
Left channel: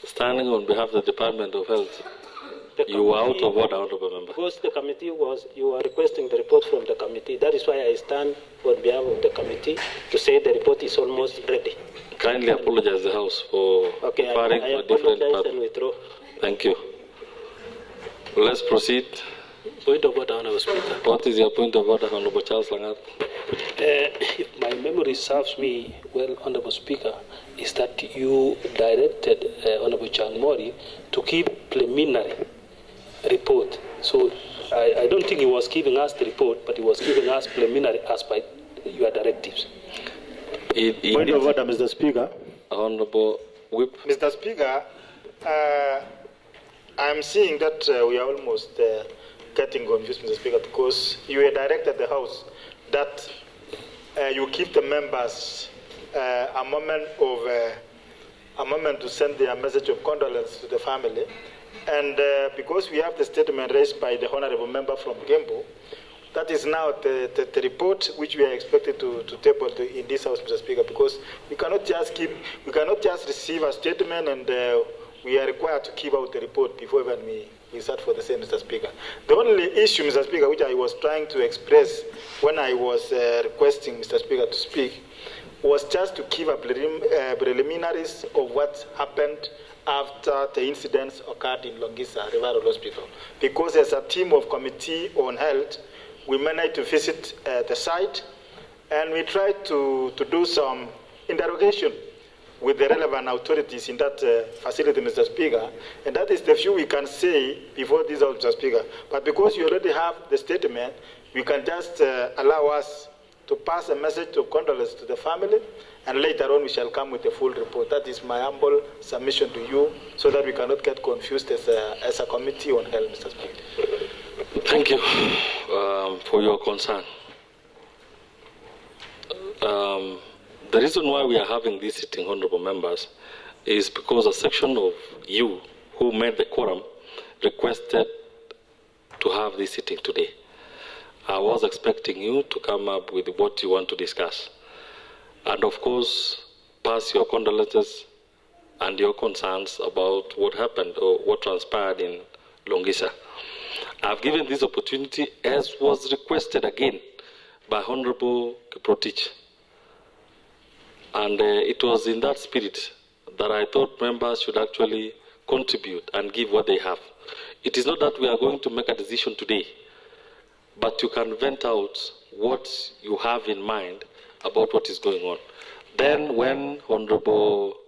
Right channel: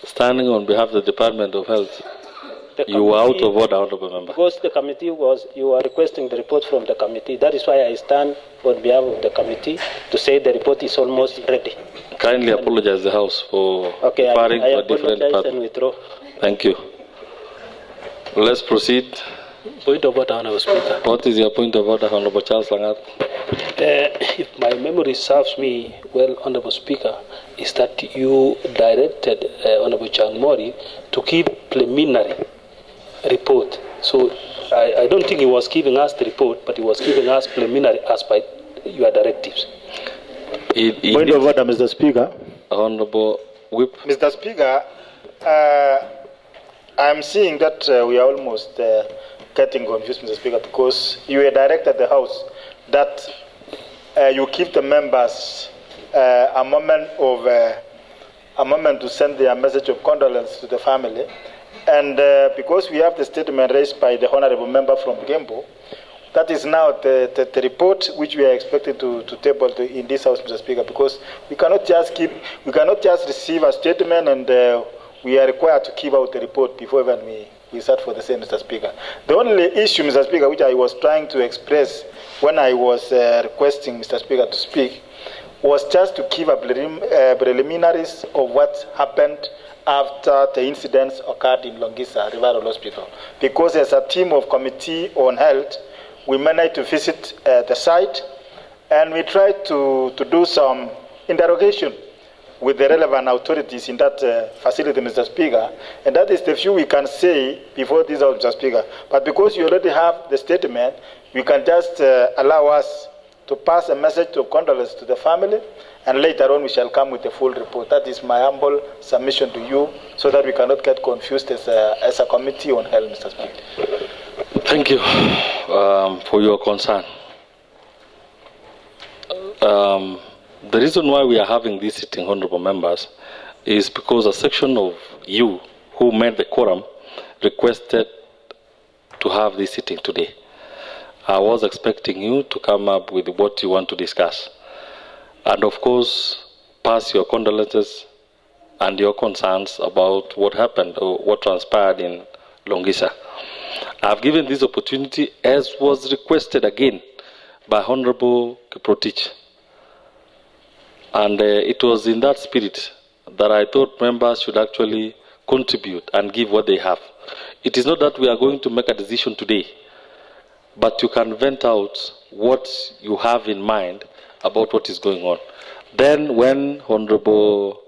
standing on behalf of the Department of Health, you were out of order, Honorable Member. Because the committee you are requesting the report from the committee. That is why I stand on behalf of the committee to say the report is almost ready. Kindly apologize the House for referring to a different part. And withdraw. Thank you. Let's proceed. Point of order, Honorable Speaker. What is your point of order, Honorable Charles Langat? If my memory serves me well, Honorable Speaker, is that you directed Honorable Changmori to keep preliminary report. So I don't think he was giving us the report, but he was giving us preliminary as by your directives. Point of order, Mr. Speaker. Honorable Whip. Mr. Speaker, I'm seeing that we are almost getting confused, Mr. Speaker, because you were directed the House that you give the members a moment to send their message of condolence to the family. And because we have the statement raised by the honorable member from Gembu, that is now the report which we are expected to table in this House, Mr. Speaker, because we cannot just receive a statement and we are required to give out the report before even we start for the same, Mr. Speaker. The only issue, Mr. Speaker, which I was trying to express when I was requesting Mr. Speaker to speak was just to give a preliminaries of what happened after the incidents occurred in Longisa Referral Hospital. Because as a team of Committee on Health, we managed to visit the site and we tried to do some interrogation with the relevant authorities in that facility, Mr. Speaker. And that is the few we can say before this, Mr. Speaker. But because you already have the statement, we can just allow us to pass a message of condolence to the family, and later on we shall come with a full report. That is my humble submission to you, so that we cannot get confused as a Committee on Health, Mr. Speaker. Thank you for your concern. The reason why we are having this sitting, honorable members, is because a section of you who made the quorum requested to have this sitting today. I was expecting you to come up with what you want to discuss. And of course, pass your condolences and your concerns about what happened or what transpired in Longisa. I've given this opportunity as was requested again by Honorable Kiprotich. And it was in that spirit that I thought members should actually contribute and give what they have. It is not that we are going to make a decision today, but you can vent out what you have in mind about what is going on. Then when Honorable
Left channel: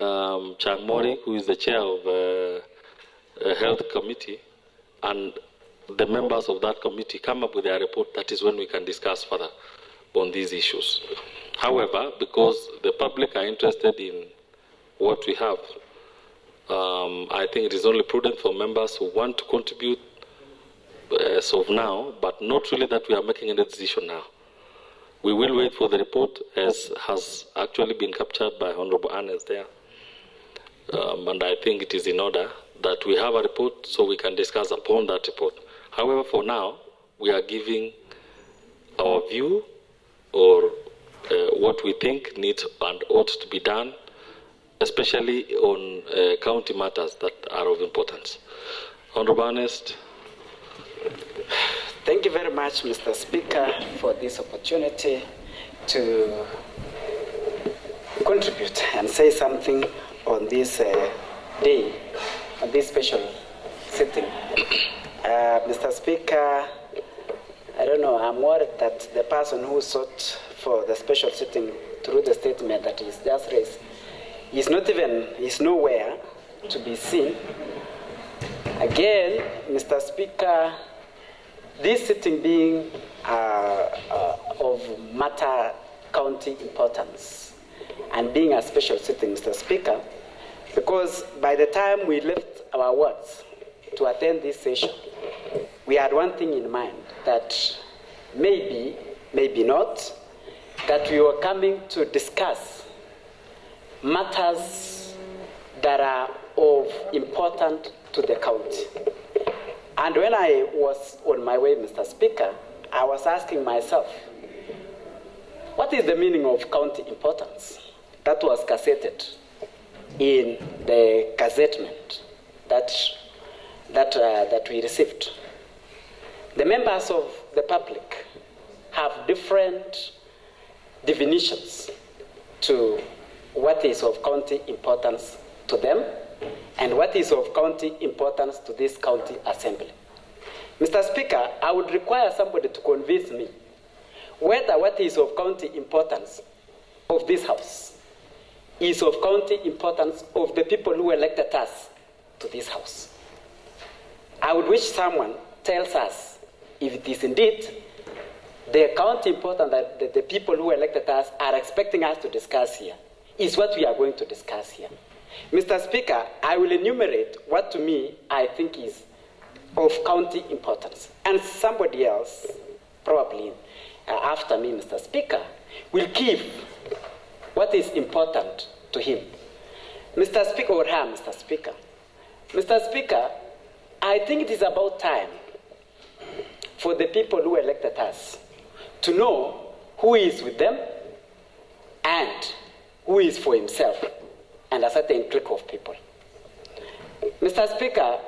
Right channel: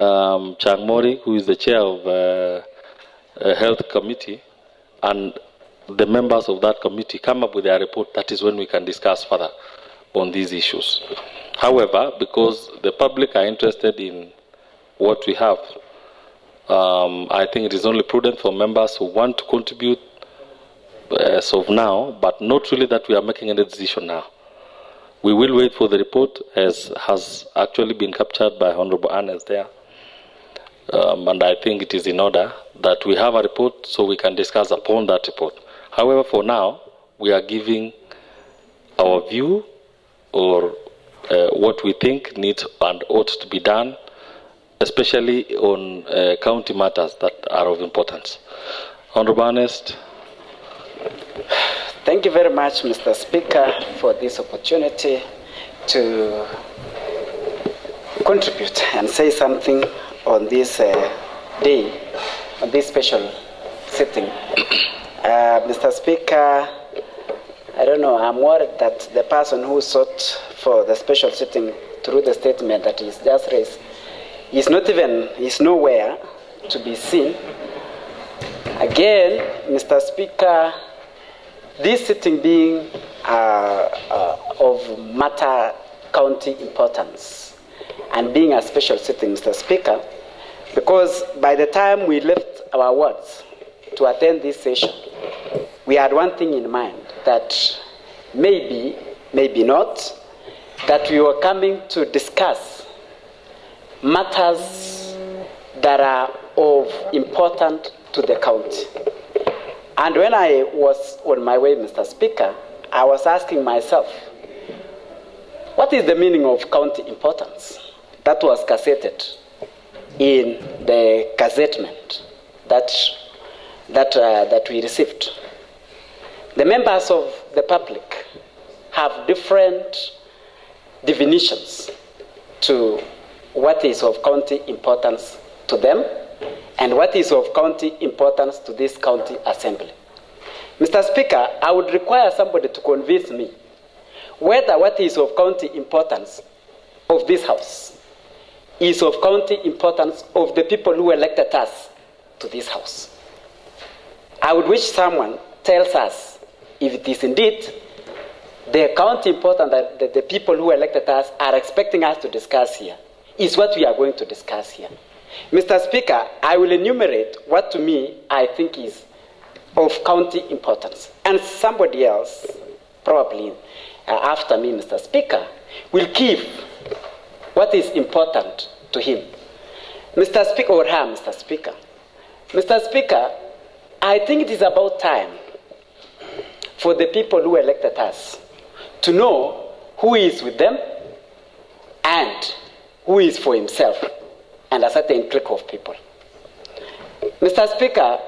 Changmori, who is the chair of Health Committee, and the members of that committee come up with their report, that is when we can discuss further on these issues. However, because the public are interested in what we have, I think it is only prudent for members who want to contribute as of now, but not really that we are making any decision now. We will wait for the report, as has actually been captured by Honorable Ernest there. And I think it is in order that we have a report so we can discuss upon that report. However, for now, we are giving our view or what we think needs and ought to be done, especially on county matters that are of importance. Honorable Ernest. Thank you very much, Mr. Speaker, for this opportunity to contribute and say something on this day, on this special sitting. Mr. Speaker, I don't know, I'm worried that the person who sought for the special sitting through the statement that is just raised is nowhere to be seen. Again, Mr. Speaker, this sitting being of matter county importance and being a special sitting, Mr. Speaker, because by the time we left our wards to attend this session, we had one thing in mind, that maybe not, that we were coming to discuss matters that are of importance to the county. And when I was on my way, Mr. Speaker, I was asking myself, what is the meaning of county importance? That was gazetted in the gazettement that we received. The members of the public have different definitions to what is of county importance to them and what is of county importance to this county assembly. Mr. Speaker, I would require somebody to convince me whether what is of county importance of this House is of county importance of the people who elected us to this House. I would wish someone tells us if it is indeed the county important that the people who elected us are expecting us to discuss here is what we are going to discuss here. Mr. Speaker, I will enumerate what to me I think is of county importance. And somebody else, probably after me, Mr. Speaker, will give what is important to him. Mr. Speaker, or her, Mr. Speaker. Mr. Speaker, I think it is about time for the people who elected us to know who is with them and who is for himself and a certain clique of people. Mr. Speaker,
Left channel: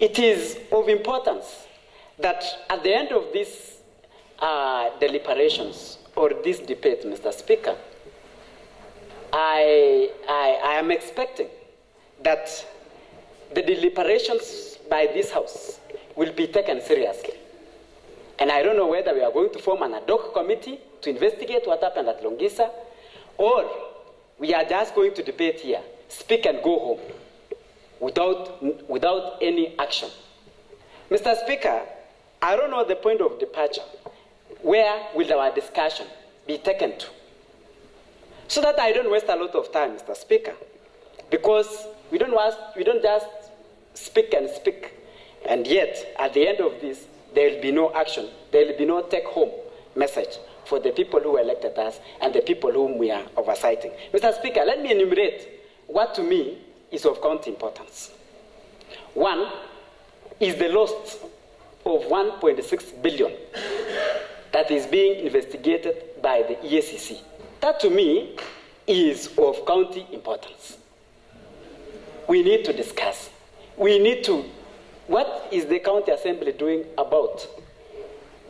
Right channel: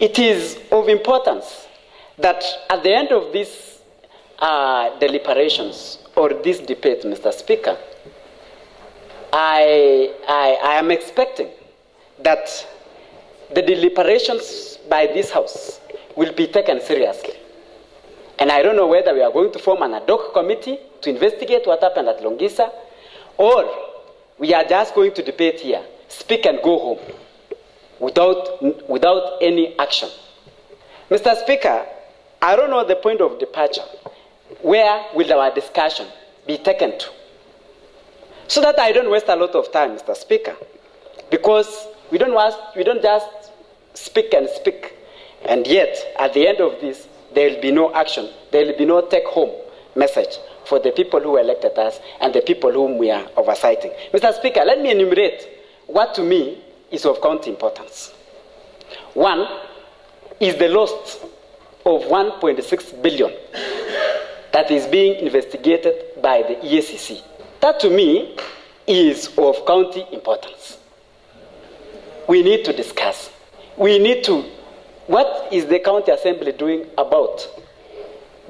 it is of importance that at the end of these deliberations or this debate, Mr. Speaker, I am expecting that the deliberations by this House will be taken seriously. And I don't know whether we are going to form an ad hoc committee to investigate what happened at Longisa, or we are just going to debate here, speak and go home without any action. Mr. Speaker, I don't know the point of departure. Where will our discussion be taken to? So that I don't waste a lot of time, Mr. Speaker, because we don't just speak and speak, and yet at the end of this, there will be no action. There will be no take-home message for the people who elected us and the people whom we are oversighting. Mr. Speaker, let me enumerate what to me is of county importance. One is the loss of 1.6 billion that is being investigated by the EACC. That to me is of county importance. We need to discuss. What is the county assembly doing about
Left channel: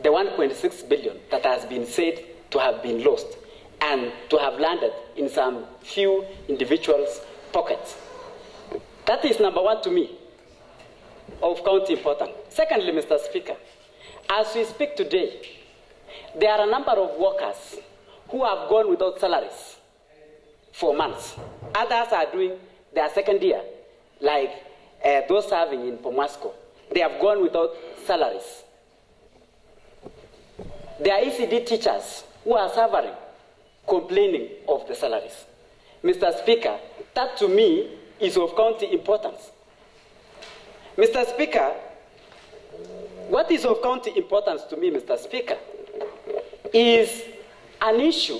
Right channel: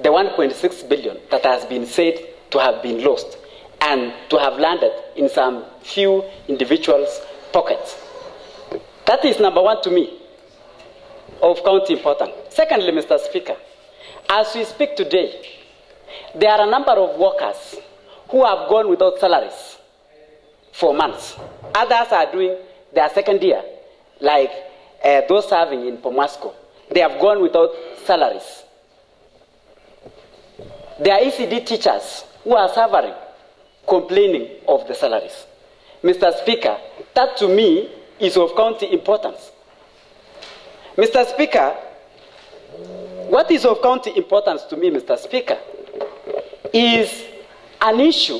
the 1.6 billion that has been said to have been lost and to have landed in some few individuals' pockets? That is number one to me of county importance. Secondly, Mr. Speaker, as we speak today, there are a number of workers who have gone without salaries for months. Others are doing their second year, like those serving in Pomasco. They have gone without salaries. There are ECD teachers who are suffering, complaining of the salaries. Mr. Speaker, that to me is of county importance. Mr. Speaker, what is of county importance to me, Mr. Speaker, is an issue,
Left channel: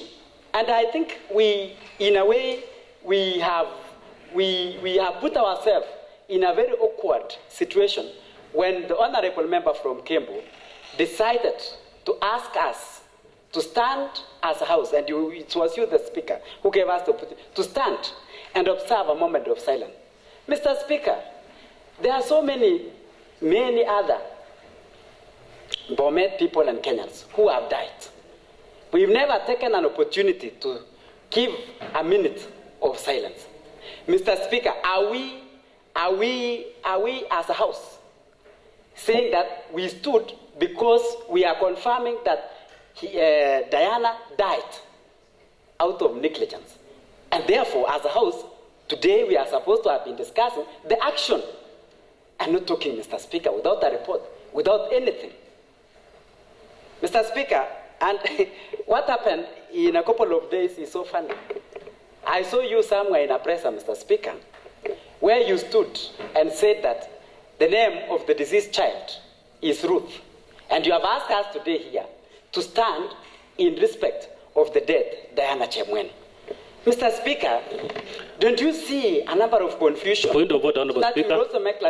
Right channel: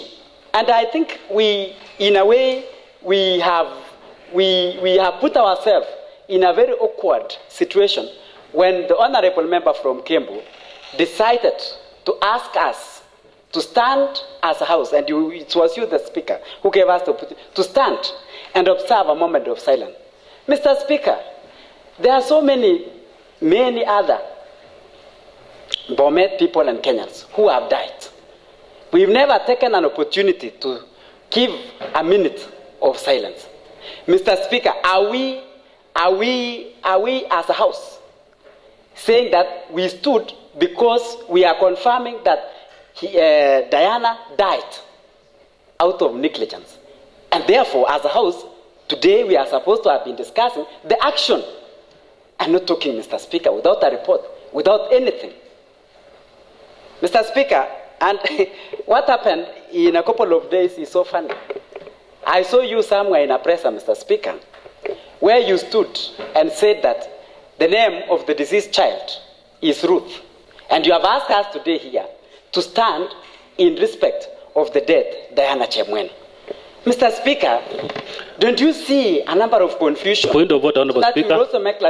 and I think we, in a way, we have put ourselves in a very awkward situation when the honorable member from Kembu decided to ask us to stand as a House, and it was you, the Speaker, who gave us to stand and observe a moment of silence. Mr. Speaker, there are so many other BOMET people and Kenyans who have died. We've never taken an opportunity to give a minute of silence. Mr. Speaker, are we as a House saying that we stood because we are confirming that Diana died out of negligence? And therefore, as a House, today we are supposed to have been discussing the action and not talking, Mr. Speaker, without a report, without anything. Mr. Speaker, and what happened in a couple of days is so funny. I saw you somewhere in a presser, Mr. Speaker, where you stood and said that the name of the deceased child is Ruth. And you have asked us today here to stand in respect of the dead Diana Chemwen. Mr. Speaker, don't you see a number of confusion? Point of order, Honorable Speaker.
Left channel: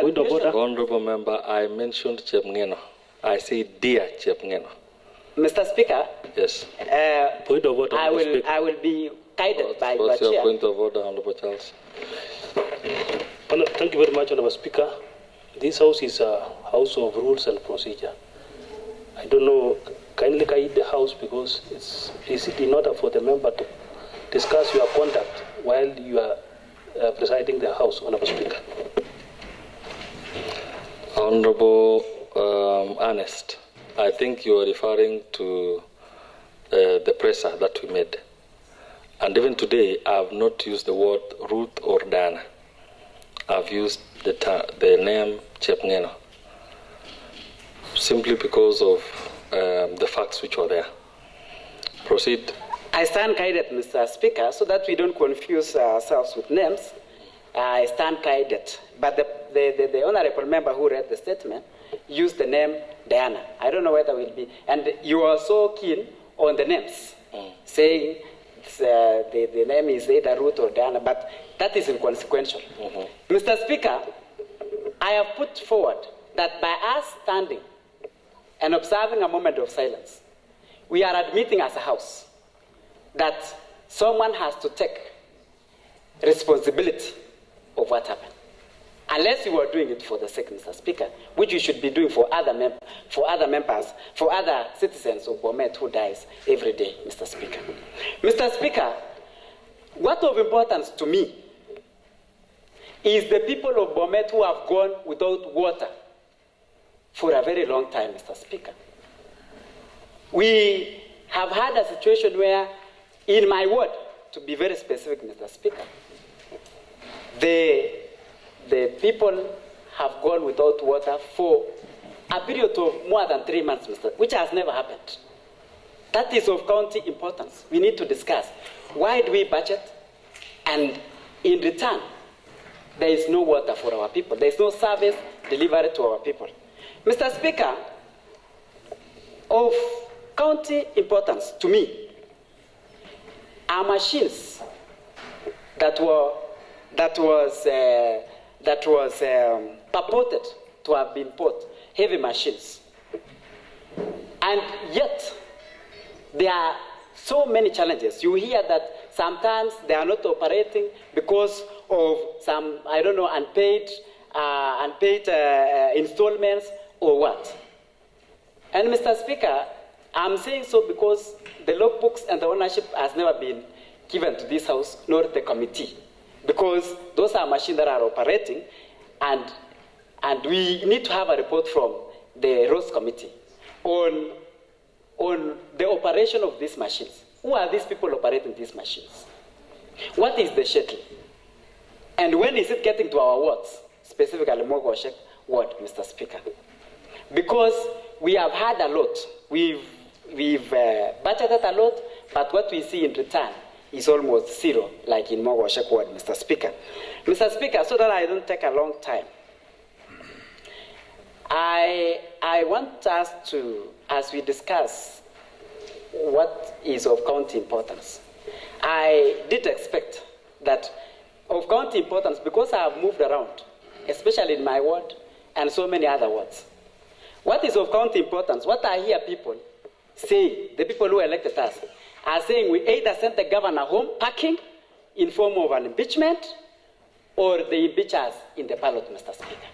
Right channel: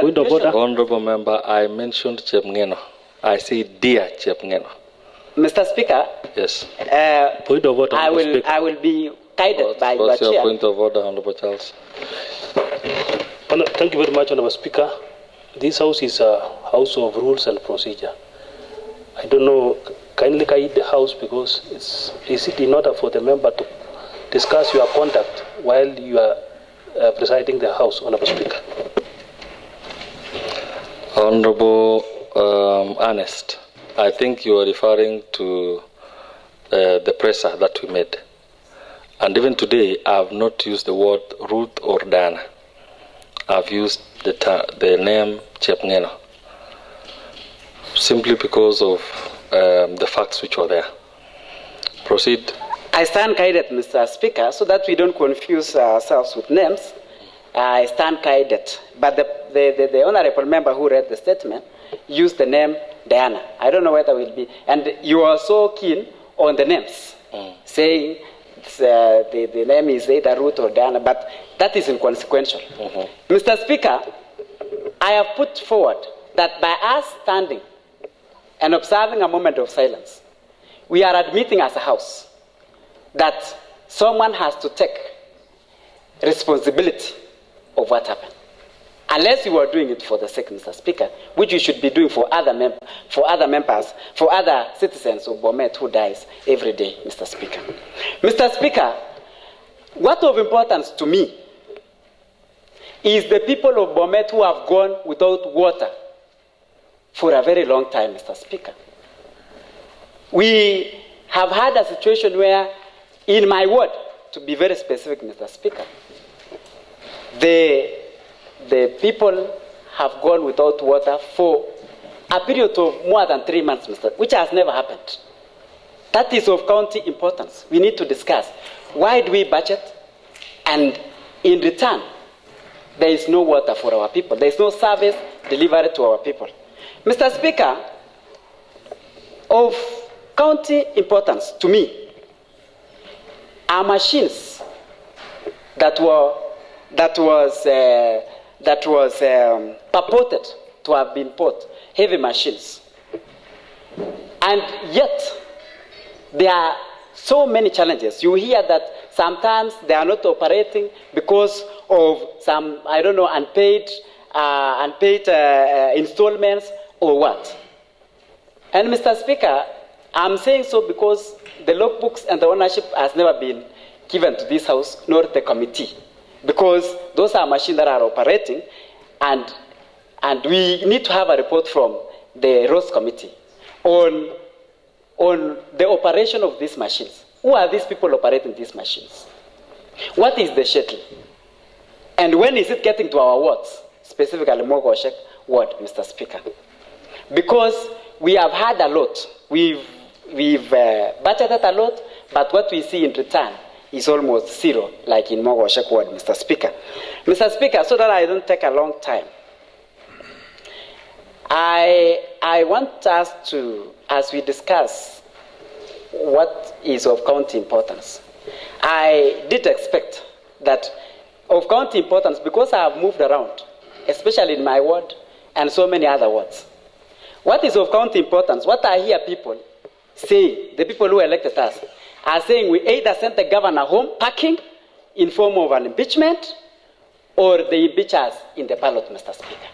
Point of order. Honorable Member, I mentioned Chepngeno. I say dear Chepngeno. Mr. Speaker, yes. Point of order, I will be guided by your What's your chair. point of order, Honorable Charles? Thank you very much, Honorable Speaker. This House is a House of rules and procedure. I don't know, kindly guide the House because it's in order for the member to discuss your conduct while you are presiding the House, Honorable Speaker. Honorable Ernest. I think you are referring to the presser that we made. And even today, I have not used the word Ruth or Dana. I've used the name Chepngeno, simply because of the facts which were there. Proceed. I stand guided, Mr. Speaker, so that we don't confuse ourselves with names. I stand guided. But the honorable member who read the statement used the name Diana. I don't know whether we'll be. And you are so keen on the names, saying the name is either Ruth or Diana, but that is inconsequential. Mr. Speaker, I have put forward that by us standing and observing a moment of silence, we are admitting as a house that someone has to take responsibility of what happened. Unless you are doing it for the sake, Mr. Speaker, which you should be doing for other members, for other citizens of BOMET who dies every day, Mr. Speaker. Mr. Speaker, what of importance to me is the people of BOMET who have gone without water for a very long time, Mr. Speaker. We have had a situation where, in my ward, to be very specific, Mr. Speaker, the people have gone without water for a period of more than 3 months, which has never happened. That is of county importance. We need to discuss why do we budget, and in return, there is no water for our people. There is no service delivered to our people. Mr. Speaker, of county importance to me are machines that was purported to have been bought, heavy machines. And yet, there are so many challenges. You hear that sometimes they are not operating because of some, I don't know, unpaid installments or what. And Mr. Speaker, I'm saying so because the logbooks and the ownership has never been given to this house, nor the committee. Because those are machines that are operating, and we need to have a report from the Roads Committee on the operation of these machines. Who are these people operating these machines? What is the schedule? And when is it getting to our wards, specifically Mogoshek ward, Mr. Speaker? Because we have had a lot. We've budgeted a lot, but what we see in return is almost zero, like in Mogoshek ward, Mr. Speaker. Mr. Speaker, so that I don't take a long time, I want us to, as we discuss what is of county importance, I did expect that of county importance, because I have moved around, especially in my ward and so many other wards. What is of county importance? What I hear people say, the people who elected us, are saying we either sent the governor home packing in form of an impeachment, or they impeach us in the ballot, Mr. Speaker.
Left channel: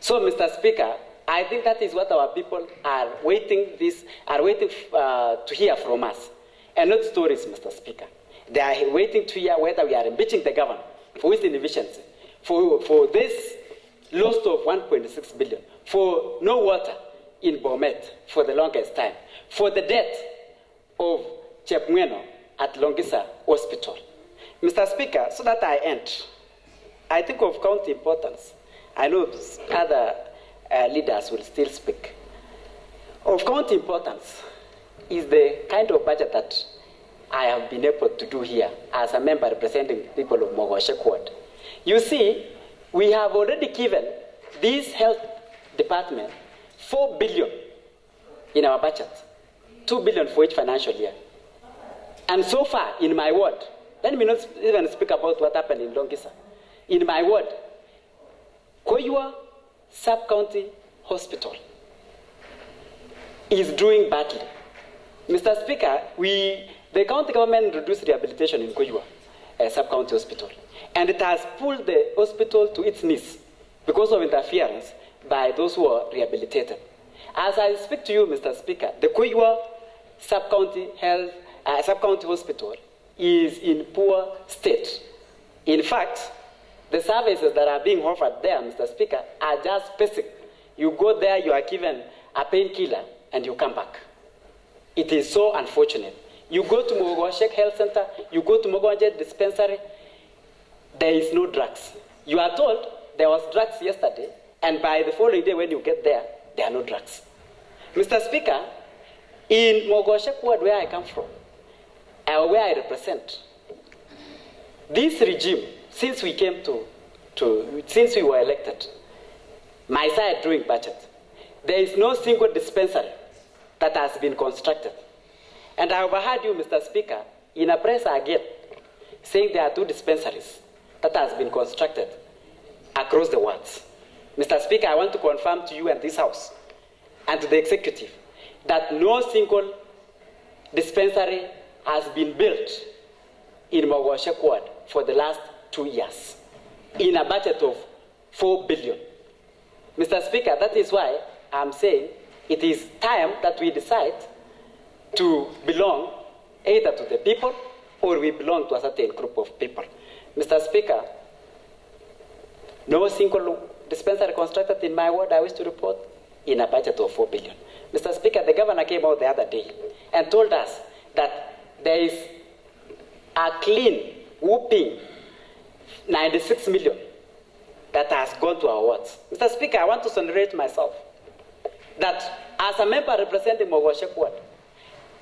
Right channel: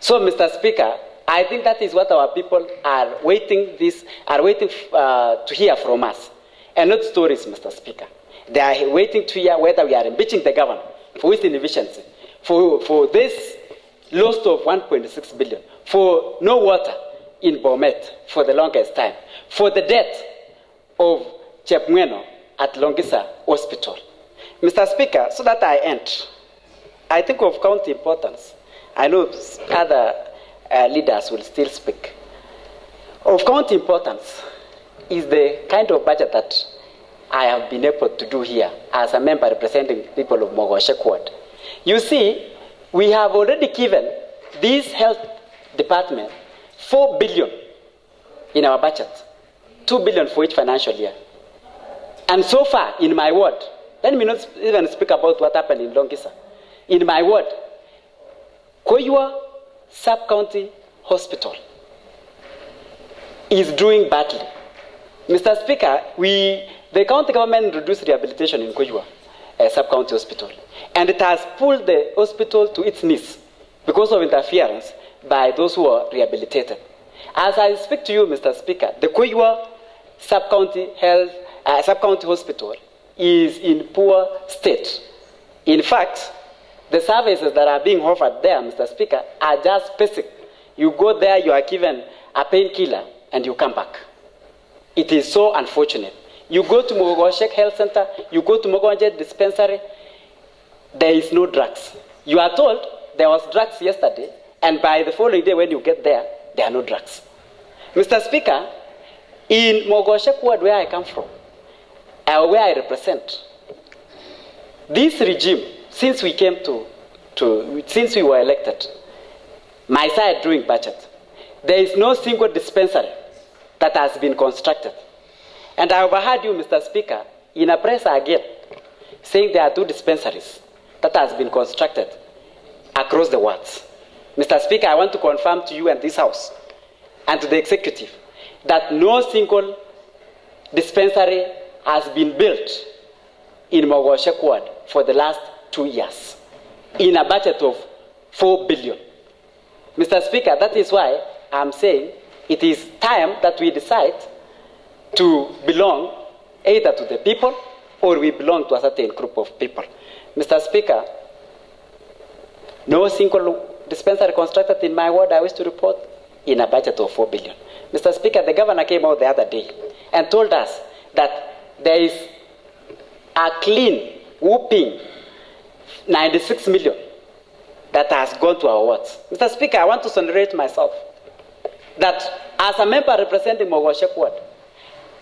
So, Mr. Speaker, I think that is what our people are waiting to hear from us, and not stories, Mr. Speaker. They are waiting to hear whether we are impeaching the governor for his inefficiency, for this loss of 1.6 billion, for no water in BOMET for the longest time, for the death of Chepngeno at Longisa Hospital. Mr. Speaker, so that I end, I think of county importance. I know other leaders will still speak. Of county importance is the kind of budget that I have been able to do here as a member representing the people of Mogoshek ward. You see, we have already given this health department 4 billion in our budget, 2 billion for each financial year. And so far, in my ward, let me not even speak about what happened in Longisa. In my ward, Koyua Sub-County Hospital is doing badly. Mr. Speaker, the county government introduced rehabilitation in Koyua Sub-County Hospital, and it has pulled the hospital to its knees because of interference by those who are rehabilitated. As I speak to you, Mr. Speaker, the Koyua Sub-County Hospital is in poor state. In fact, the services that are being offered there, Mr. Speaker, are just basic. You go there, you are given a painkiller, and you come back. It is so unfortunate. You go to Mogoshek Health Center, you go to Mogonje Dispensary, there is no drugs. You are told there was drugs yesterday, and by the following day when you get there, there are no drugs. Mr. Speaker, in Mogoshek ward where I come from, where I represent, this regime, since we came since we were elected, my side doing budget, there is no single dispensary that has been constructed. And I overheard you, Mr. Speaker, in a press again, saying there are 2 dispensaries that has been constructed across the wards. Mr. Speaker, I want to confirm to you and this House and to the executive that no single dispensary has been built in Mogoshek ward for the last 2 years in a budget of 4 billion. Mr. Speaker, that is why I'm saying it is time that we decide to belong either to the people or we belong to a certain group of people. Mr. Speaker, no single dispensary constructed in my ward, I wish to report, in a budget of 4 billion. Mr. Speaker, the governor came out the other day and told us that there is a clean, whooping 96 million that has gone to our wards. Mr. Speaker, I want to celebrate myself that as a member representing Mogoshek ward,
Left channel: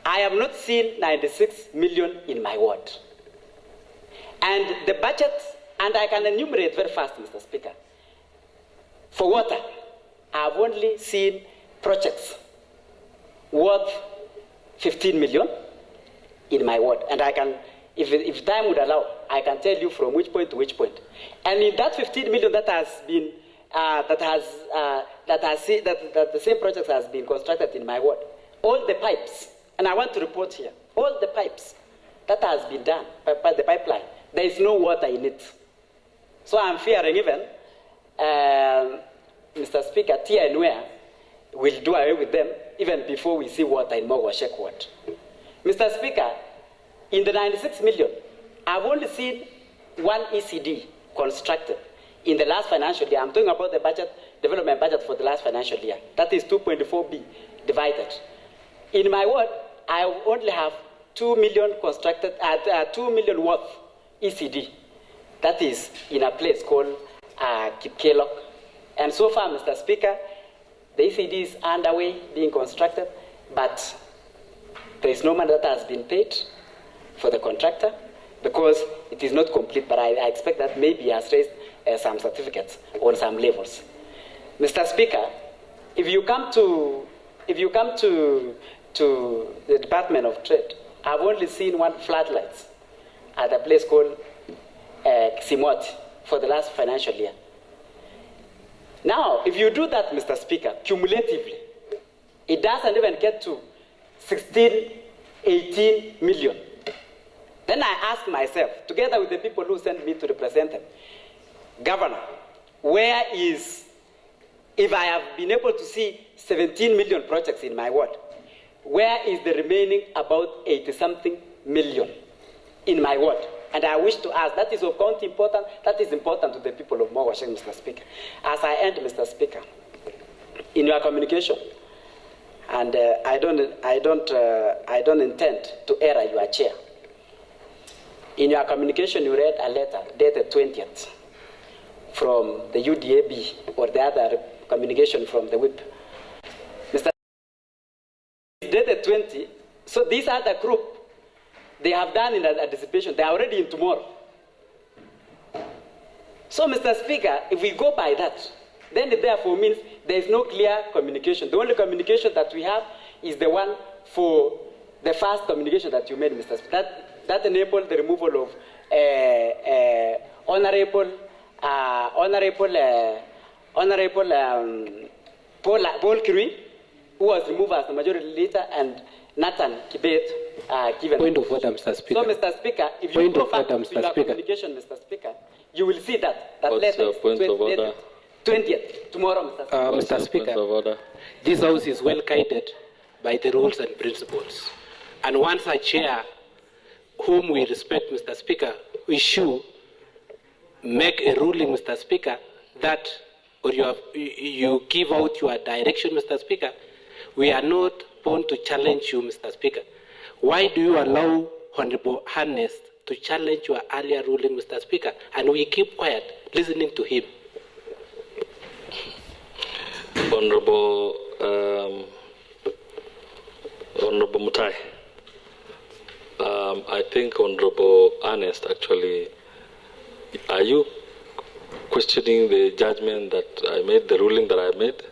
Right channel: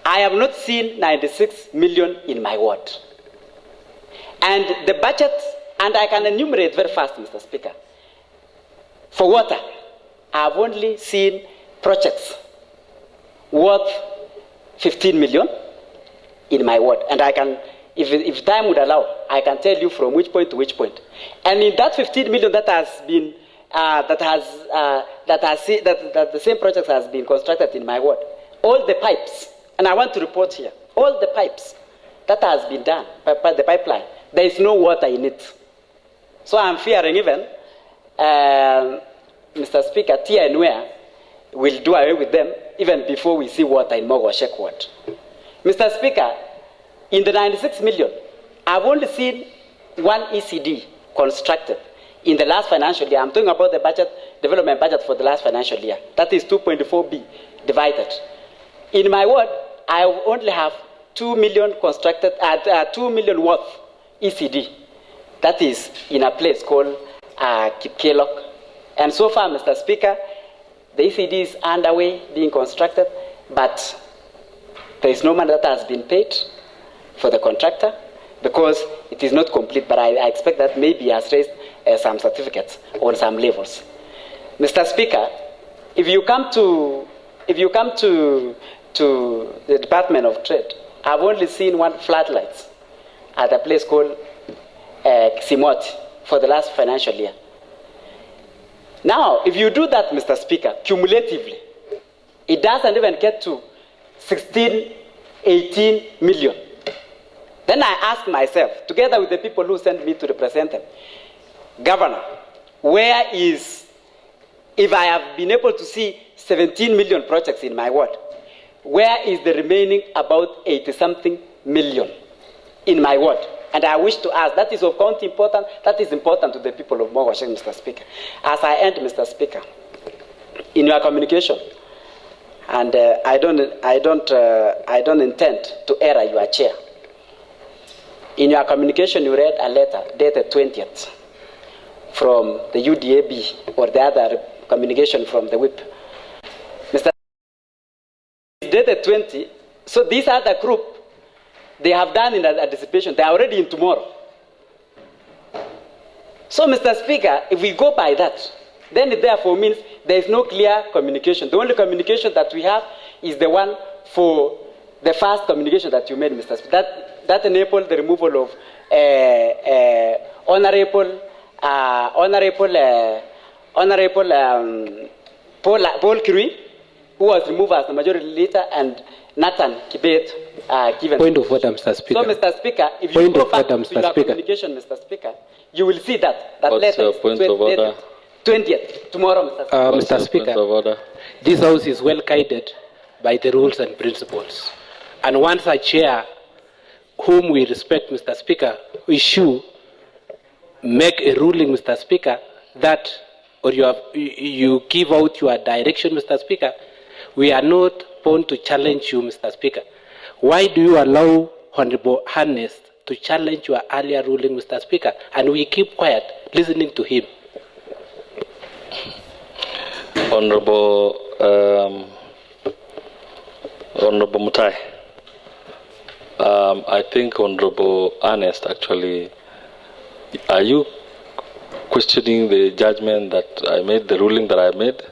I have not seen 96 million in my ward. And the budget, and I can enumerate very fast, Mr. Speaker. For water, I've only seen projects worth 15 million in my ward. And I can, if time would allow, I can tell you from which point to which point. And in that 15 million that has been, that the same project has been constructed in my ward, all the pipes, and I want to report here, all the pipes that has been done by the pipeline, there is no water in it. So I'm fearing even, Mr. Speaker, Tia and Where will do away with them even before we see water in Mogoshek ward. Mr. Speaker, in the 96 million, I've only seen 1 ECD constructed in the last financial year. I'm talking about the budget, development budget for the last financial year. That is 2.4B divided. In my ward, I only have 2 million constructed, 2 million worth ECD. That is in a place called Kipkelok. And so far, Mr. Speaker, the ECD is underway, being constructed, but there is no money that has been paid for the contractor because it is not complete, but I expect that maybe he has raised some certificates on some levels. Mr. Speaker, if you come to the Department of Trade, I've only seen 1 floodlights at a place called Simoti for the last financial year. Now, if you do that, Mr. Speaker, cumulatively, it doesn't even get to 16, 18 million. Then I ask myself, together with the people who sent me to represent them, Governor, where is, if I have been able to see 17 million projects in my ward, where is the remaining about 80-something million in my ward? And I wish to ask, that is of count important, that is important to the people of Mogoshek, Mr. Speaker. As I end, Mr. Speaker, in your communication, and I don't intend to err your chair. In your communication, you read a letter dated 20th from the UDAB or the other communication from the whip. Mr. Dated 20, so these other group, they have done in anticipation, they are already in tomorrow. So, Mr. Speaker, if we go by that, then it therefore means there is no clear communication. The only communication that we have is the one for the first communication that you made, Mr. Speaker. That enabled the removal of Honorable Paul Kirui, who was removed as the majority leader, and Nathan Kibet given. Point of order, Mr. Speaker. So, Mr. Speaker, if you go back to your communication, Mr. Speaker, you will see that letter is 20th, tomorrow, Mr. Speaker. Mr. Speaker, this House is well guided by the rules and principles. And once a chair, whom we respect, Mr. Speaker, make a ruling, Mr. Speaker, that, or you give out your direction, Mr. Speaker, we are not born to challenge you, Mr. Speaker. Why do you allow Honorable Ernest to challenge your earlier ruling, Mr. Speaker, and we keep quiet, listening to him? Honorable Mutai, I think Honorable Ernest, actually, are you questioning the judgment that I made, the ruling that I made?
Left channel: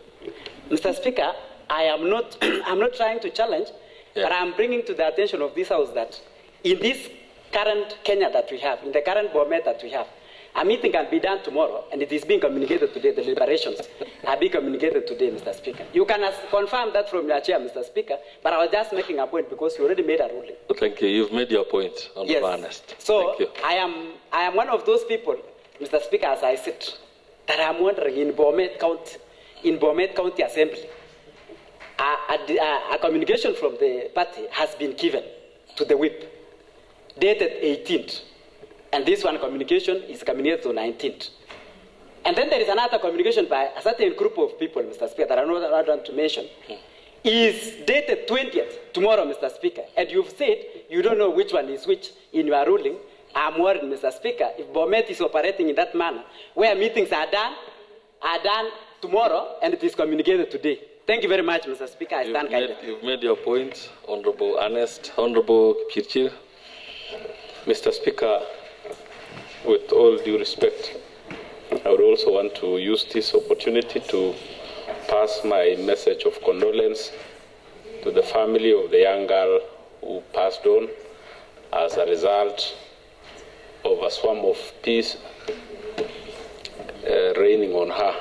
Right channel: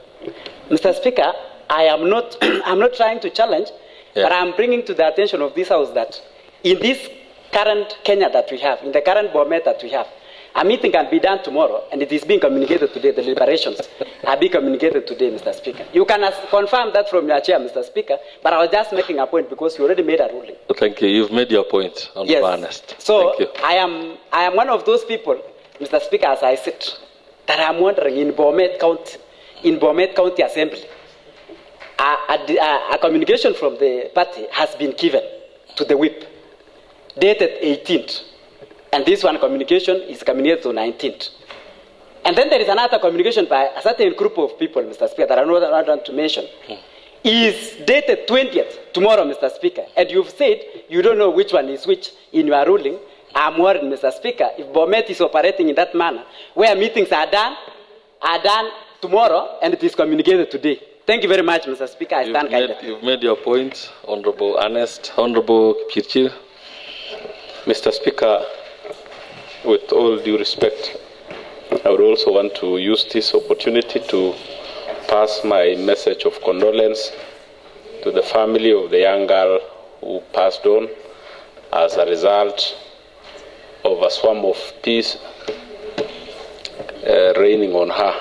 Mr. Speaker, I am not, I'm not trying to challenge, but I'm bringing to the attention of this House that in this current Kenya that we have, in the current BOMET that we have, a meeting can be done tomorrow, and it is being communicated today. The deliberations are being communicated today, Mr. Speaker. You can confirm that from your chair, Mr. Speaker, but I was just making a point because you already made a ruling. Thank you. You've made your point, Honorable Ernest. So Thank you. I am one of those people, Mr. Speaker, as I sit, that I'm wondering in BOMET County Assembly, a communication from the party has been given to the whip, dated 18th. And this one communication is communicated to 19th. And then there is another communication by a certain group of people, Mr. Speaker, that I don't want to mention, is dated 20th, tomorrow, Mr. Speaker. And you've said you don't know which one is which in your ruling. I'm worried, Mr. Speaker, if BOMET is operating in that manner, where meetings are done tomorrow, and it is communicated today. Thank you very much, Mr. Speaker. I stand guided. You've made your point, Honorable Ernest. Honorable Kirchir. Mr. Speaker, with all due respect, I would also want to use this opportunity to pass my message of condolence to the family of the young girl who passed on as a result of a swarm of bees raining on her.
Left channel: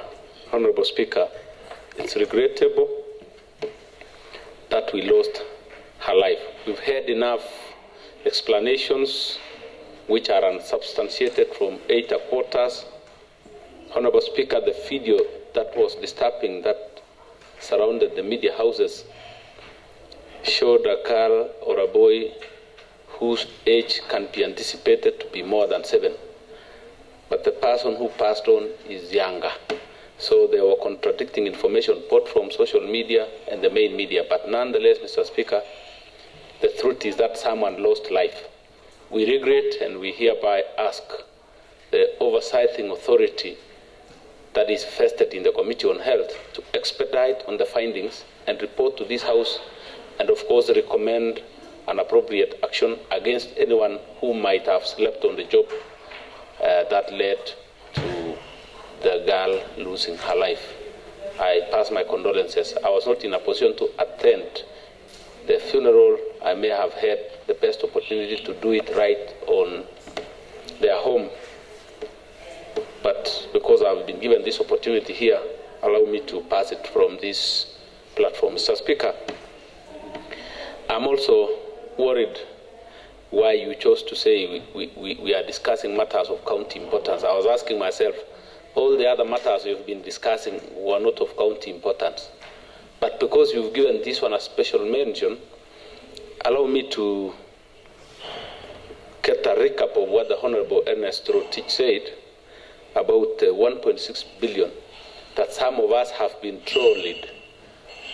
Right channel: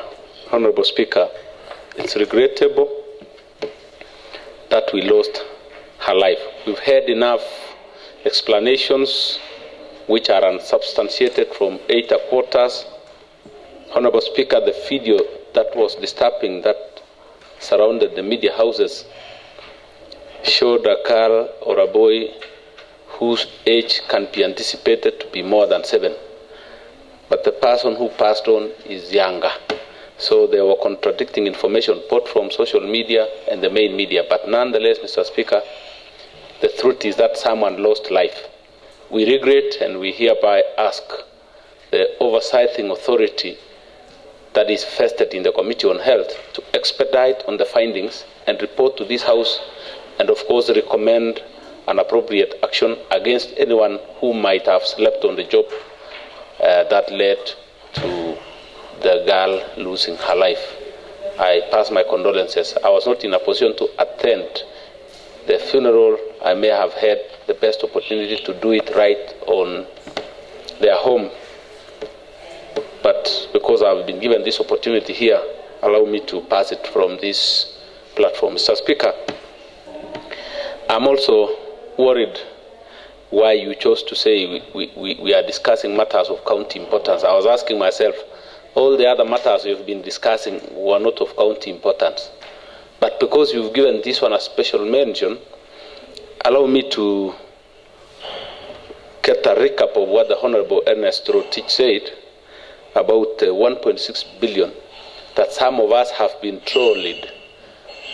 Honorable Speaker, it's regrettable that we lost her life. We've heard enough explanations which are unsubstantiated from 8 quarters. Honorable Speaker, the video that was disturbing that surrounded the media houses showed a girl or a boy whose age can be anticipated to be more than 7. But the person who passed on is younger. So there were contradicting information both from social media and the main media. But nonetheless, Mr. Speaker, the truth is that someone lost life. We regret and we hereby ask the oversighting authority that is vested in the Committee on Health to expedite on the findings and report to this House, and of course recommend an appropriate action against anyone who might have slept on the job that led to the girl losing her life. I pass my condolences. I was not in a position to attend the funeral. I may have had the best opportunity to do it right on their home. But because I've been given this opportunity here, allow me to pass it from this platform. Mr. Speaker, I'm also worried why you chose to say we are discussing matters of county importance. I was asking myself, all the other matters you've been discussing were not of county importance. But because you've given this one a special mention, allow me to get a recap of what the Honorable Ernest Rotich said about 1.6 billion that some of us have been trolled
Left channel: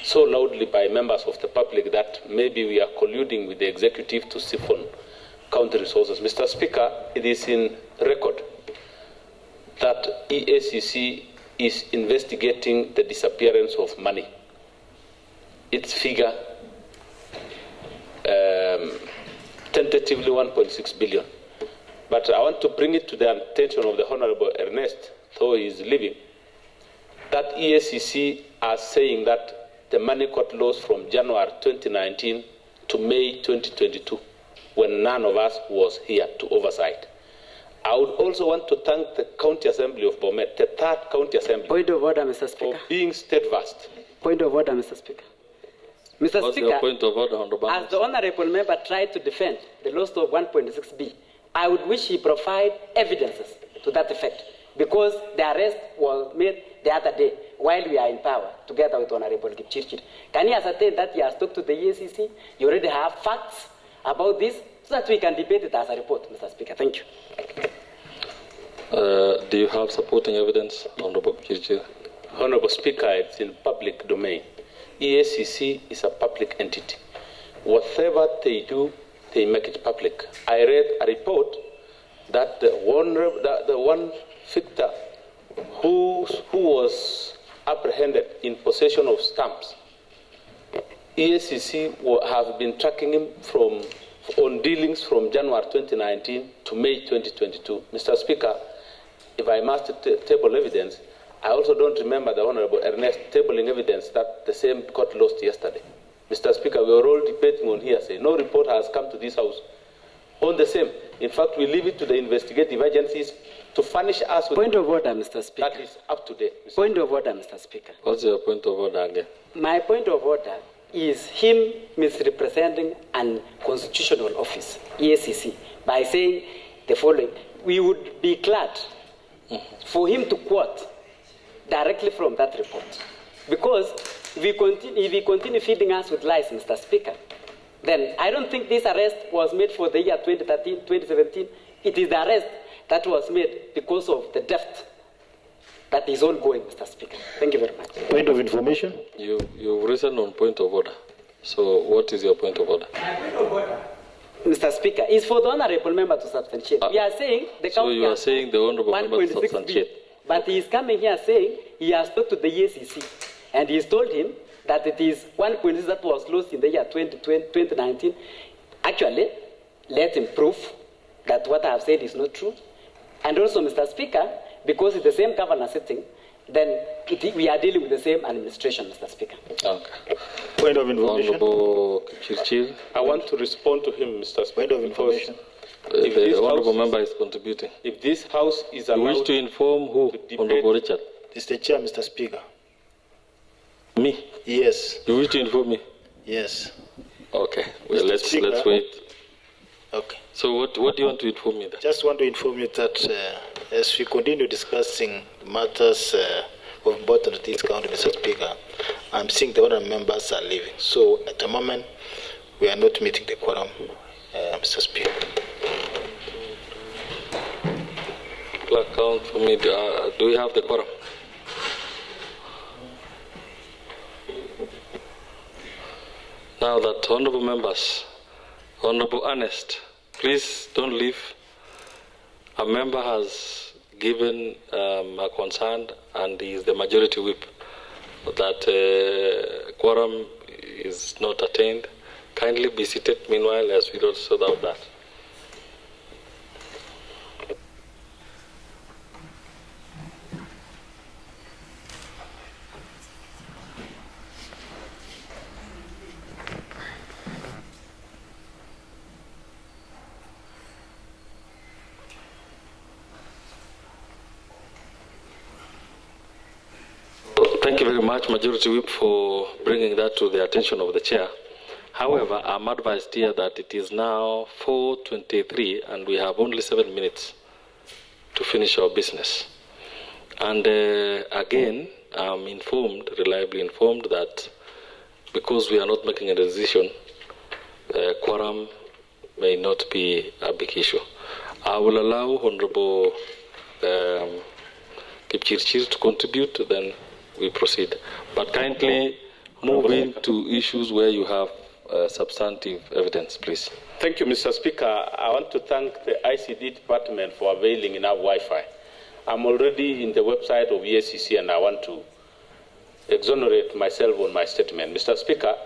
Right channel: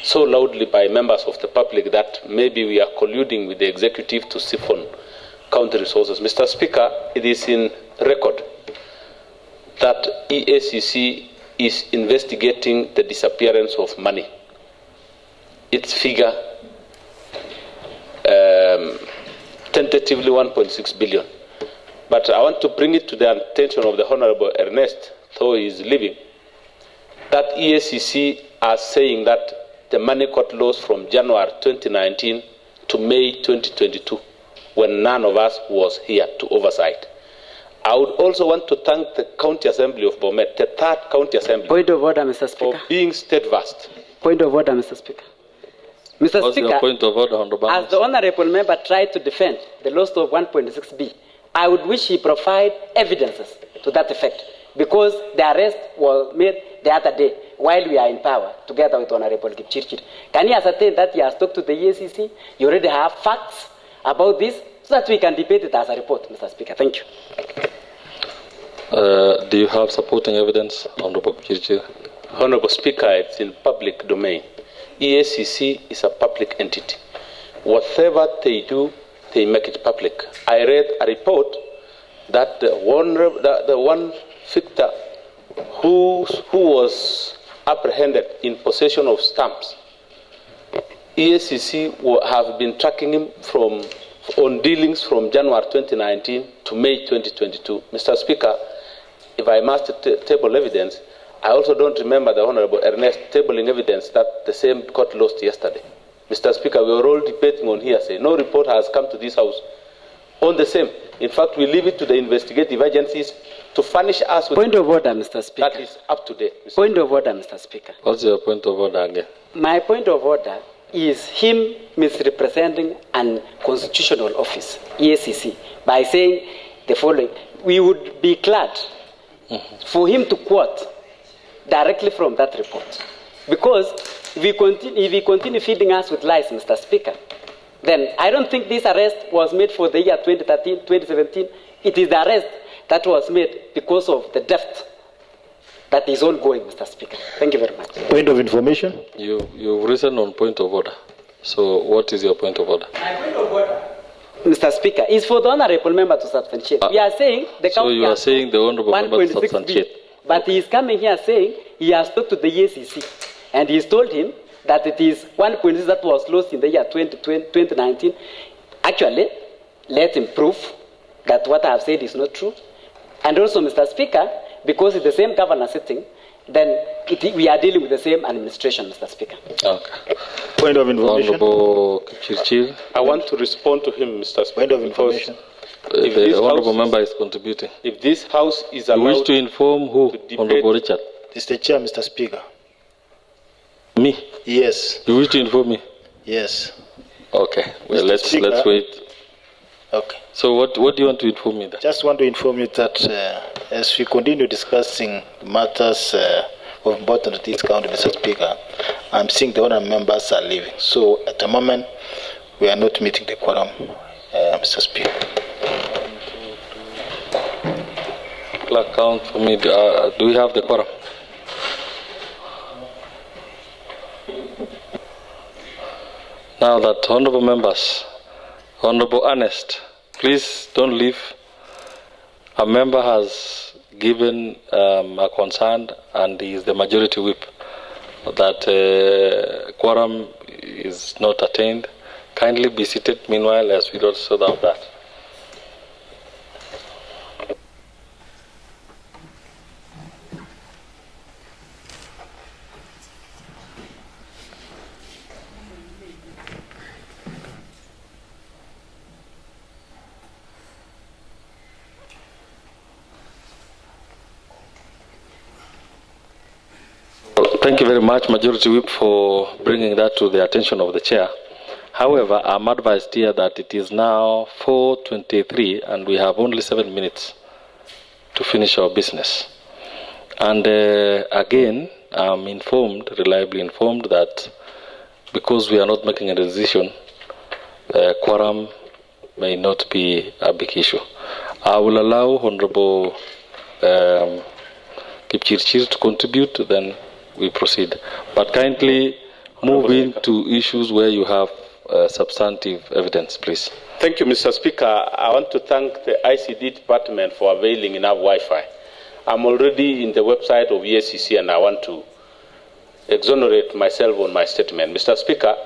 so loudly by members of the public that maybe we are colluding with the executive to siphon county resources. Mr. Speaker, it is in record that EACC is investigating the disappearance of money. Its figure, tentatively 1.6 billion. But I want to bring it to the attention of the Honorable Ernest, though he is leaving, that EACC are saying that the money got lost from January 2019 to May 2022, when none of us was here to oversight. I would also want to thank the County Assembly of BOMET, the third County Assembly, Point of order, Mr. Speaker. for being steadfast. Point of order, Mr. Speaker. Mr. What's Speaker, your point of order, Honorable? as the honorable member tried to defend the loss of 1.6B, I would wish he provide evidences to that effect, because the arrest was made the other day while we are in power, together with Honorable Kipchirchir. Can he ascertain that he has talked to the EACC? You already have facts about this, so that we can debate it as a report, Mr. Speaker. Thank you. Do you have supporting evidence, Honorable Kipchirchir? Honorable Speaker, it's in public domain. EACC is a public entity. Whatever they do, they make it public. I read a report that the one victor who was apprehended in possession of stamps, EACC have been tracking him on dealings from January 2019 to May 2022. Mr. Speaker, if I must table evidence, I also don't remember the Honorable Ernest tabling evidence that the same court lost yesterday. Mr. Speaker, we are all debating on hearsay. No report has come to this House on the same. In fact, we leave it to the investigative agencies to furnish us with... Point of order, Mr. Speaker. That is up to date. Point of order, Mr. Speaker. What's your point of order again? My point of order is him misrepresenting an constitutional office, EACC, by saying the following. We would be glad for him to quote directly from that report. Because if he continue feeding us with lies, Mr. Speaker, then I don't think this arrest was made for the year 2013, 2017. It is the arrest that was made because of the theft that is ongoing, Mr. Speaker. Thank you very much. Point of information? You've risen on point of order. So what is your point of order? My point of order, Mr. Speaker, is for the honorable member to substantiate. We are saying the so you are saying the honorable member to substantiate. But he is coming here saying he has talked to the EACC and he's told him that it is 1.6 that was lost in the year 2019. Actually, let him prove that what I have said is not true. And also, Mr. Speaker, because it's the same governor sitting, then we are dealing with the same administration, Mr. Speaker. Okay. Point of information. Honorable Chirchir. I want to respond to him, Mr. Speaker. Point of information. If the honorable member is contributing. If this House is You allowed... wish to inform who? Honorable Richard? Mr. Chair, Mr. Speaker. Me? Yes. You wish to inform me? Yes. Okay. Well, Mr. let's Speaker. wait. Okay. So what do you want to inform me then? Just want to inform you that as we continue discussing matters of importance to this county, Mr. Speaker, I'm seeing the other members are leaving. So at the moment, we are not meeting the quorum, Mr. Speaker. Clerk, count for me. Do we have the quorum? Now that honorable members, Honorable Ernest, please don't leave. A member has given a concern, and he is the majority whip, that quorum is not attained. Kindly be seated meanwhile as we don't sort out that. Thank you very much, Majority Whip, for bringing that to the attention of the Chair. However, I'm advised here that it is now 4:23 and we have only 7 minutes to finish our business. And again, I'm informed, reliably informed, that because we are not making a decision, quorum may not be a big issue. I will allow Honorable Kipchirchir to contribute, then we proceed. But kindly move into issues where you have substantive evidence, please. Thank you, Mr. Speaker. I want to thank the ICD department for availing enough Wi-Fi. I'm already in the website of EACC and I want to exonerate myself on my statement. Mr. Speaker,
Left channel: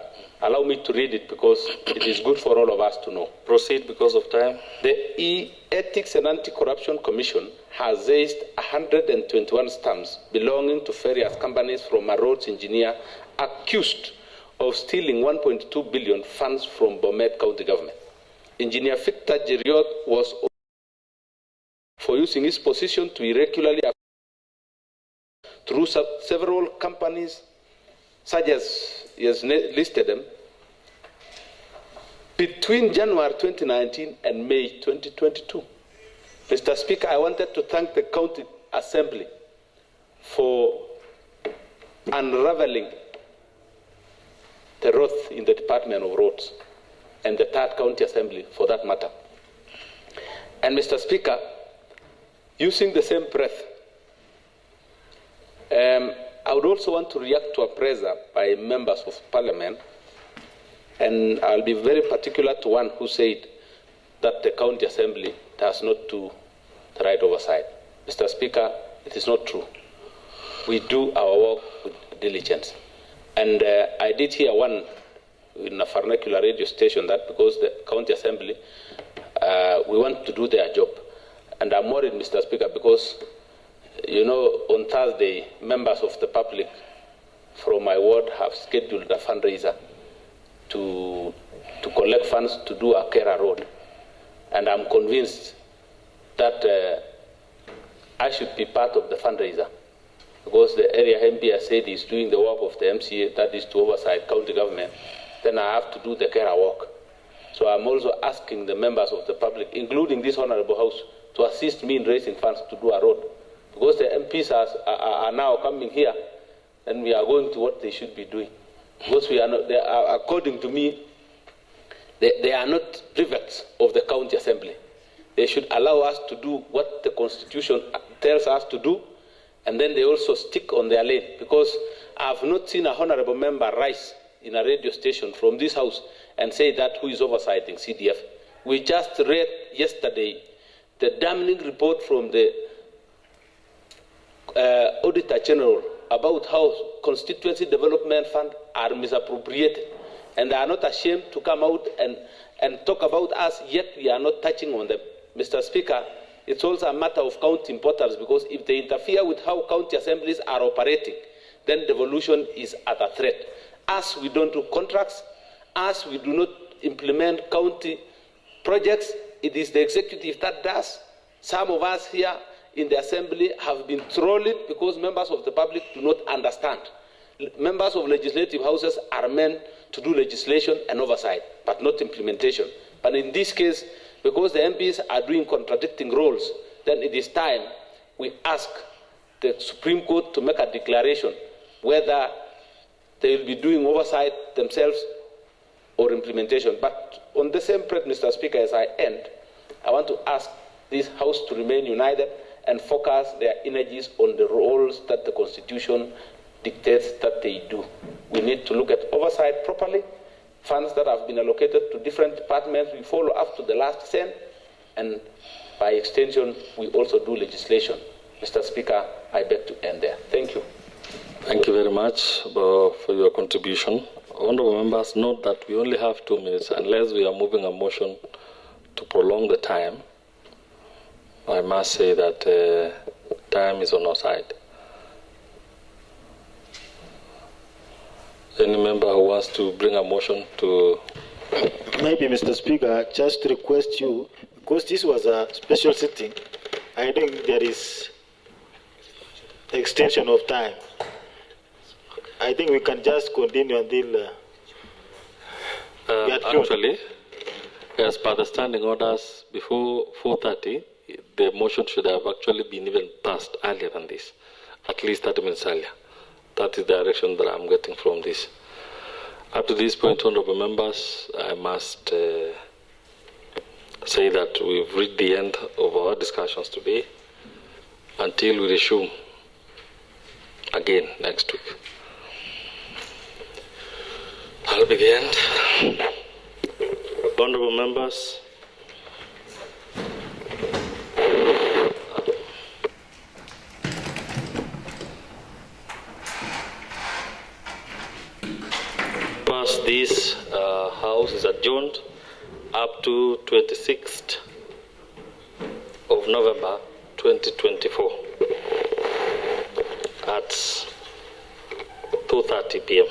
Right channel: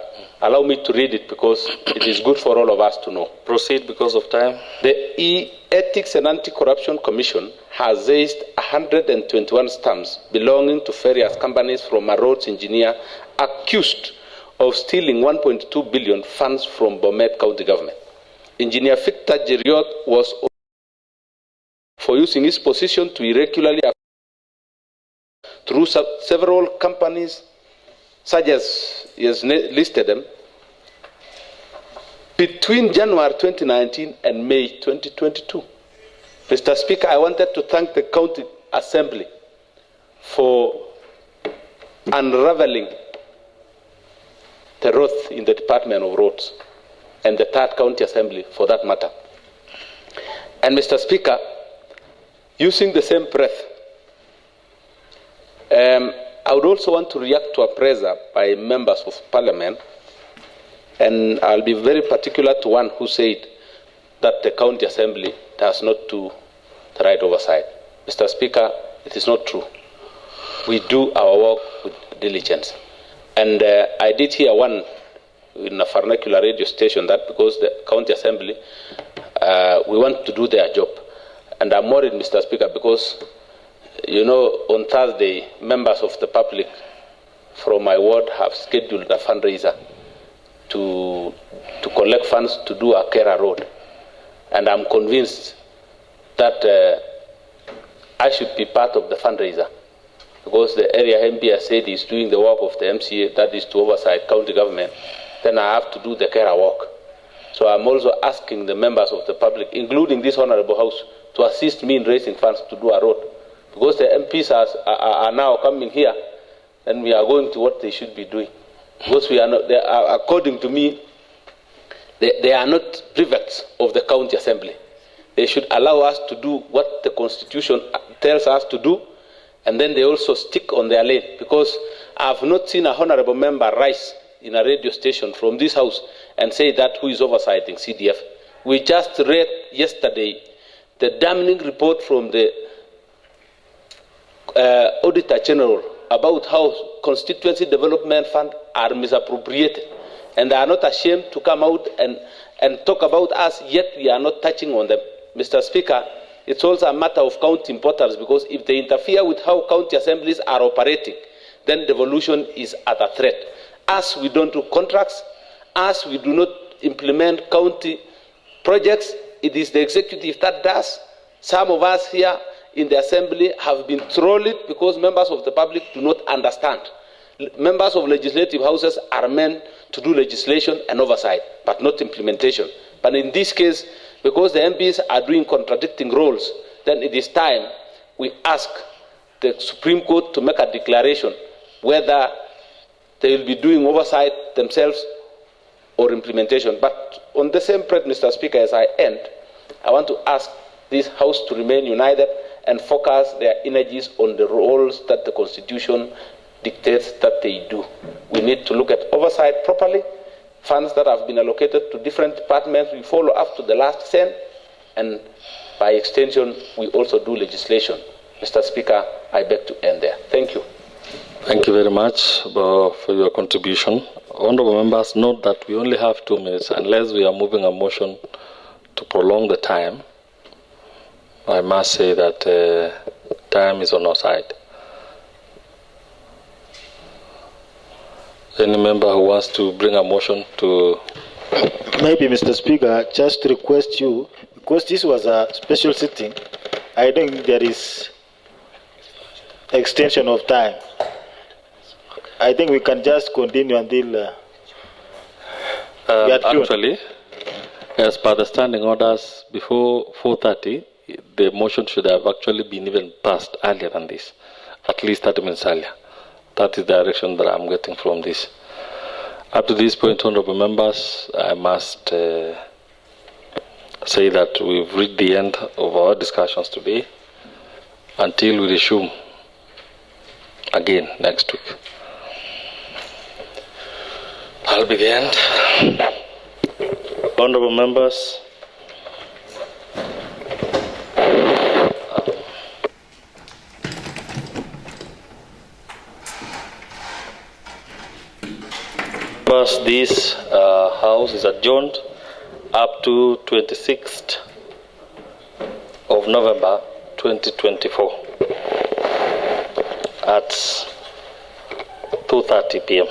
allow me to read it because it is good for all of us to know. Proceed because of time. The Ethics and Anti-Corruption Commission has seized 121 stamps belonging to various companies from a roads engineer accused of stealing 1.2 billion funds from BOMET county government. Engineer Victor Jeriot was for using his position to irregularly through several companies, such as he has listed them, between January 2019 and May 2022. Mr. Speaker, I wanted to thank the County Assembly for unraveling the wrath in the Department of Roads and the Third County Assembly for that matter. And Mr. Speaker, using the same breath, I would also want to react to a pressure by members of parliament, and I'll be very particular to one who said that the county assembly does not do the right oversight. Mr. Speaker, it is not true. We do our work with diligence. And I did hear one in a vernacular radio station that because the county assembly, we want to do their job. And I'm worried, Mr. Speaker, because, you know, on Thursday, members of the public from my ward have scheduled a fundraiser to collect funds to do a Kera road. And I'm convinced that I should be part of the fundraiser, because the area MP has said is doing the work of the MCA, that is to oversight county government, then I have to do the Kera work. So I'm also asking the members of the public, including this honorable house, to assist me in raising funds to do a road. Because the MPs are now coming here, and we are going to what they should be doing. Because we are not, according to me, they are not prefects of the county assembly. They should allow us to do what the constitution tells us to do, and then they also stick on their lane. Because I have not seen a honorable member rise in a radio station from this house and say that who is oversighting CDF. We just read yesterday the damning report from the Auditor General about how constituency development funds are misappropriated, and they are not ashamed to come out and talk about us, yet we are not touching on them. Mr. Speaker, it's also a matter of county importance, because if they interfere with how county assemblies are operating, then devolution is at a threat. As we don't do contracts, as we do not implement county projects, it is the executive that does. Some of us here in the assembly have been trolled because members of the public do not understand. Members of legislative houses are meant to do legislation and oversight, but not implementation. But in this case, because the MPs are doing contradicting roles, then it is time we ask the Supreme Court to make a declaration whether they will be doing oversight themselves or implementation. But on the same thread, Mr. Speaker, as I end, I want to ask this House to remain united and focus their energies on the roles that the Constitution dictates that they do. We need to look at oversight properly. Funds that have been allocated to different departments, we follow up to the last cent, and by extension, we also do legislation. Mr. Speaker, I beg to end there. Thank you. Thank you very much for your contribution. Honourable members, note that we only have 2 minutes unless we are moving a motion to prolong the time. I must say that time is on our side. Any member who wants to bring a motion to... Maybe, Mr. Speaker, just request you, because this was a special sitting, I think there is extension of time. I think we can just continue until actually, as per the standing orders, before 4:30, the motion should have actually been even passed earlier than this, at least 30 minutes earlier. That is the direction that I'm getting from this. Up to this point, honorable members, I must say that we've reached the end of our discussions today until we resume again next week. I'll be the end. Honorable members, this House is adjourned up to 26th of November 2024 at 2:30 p.m.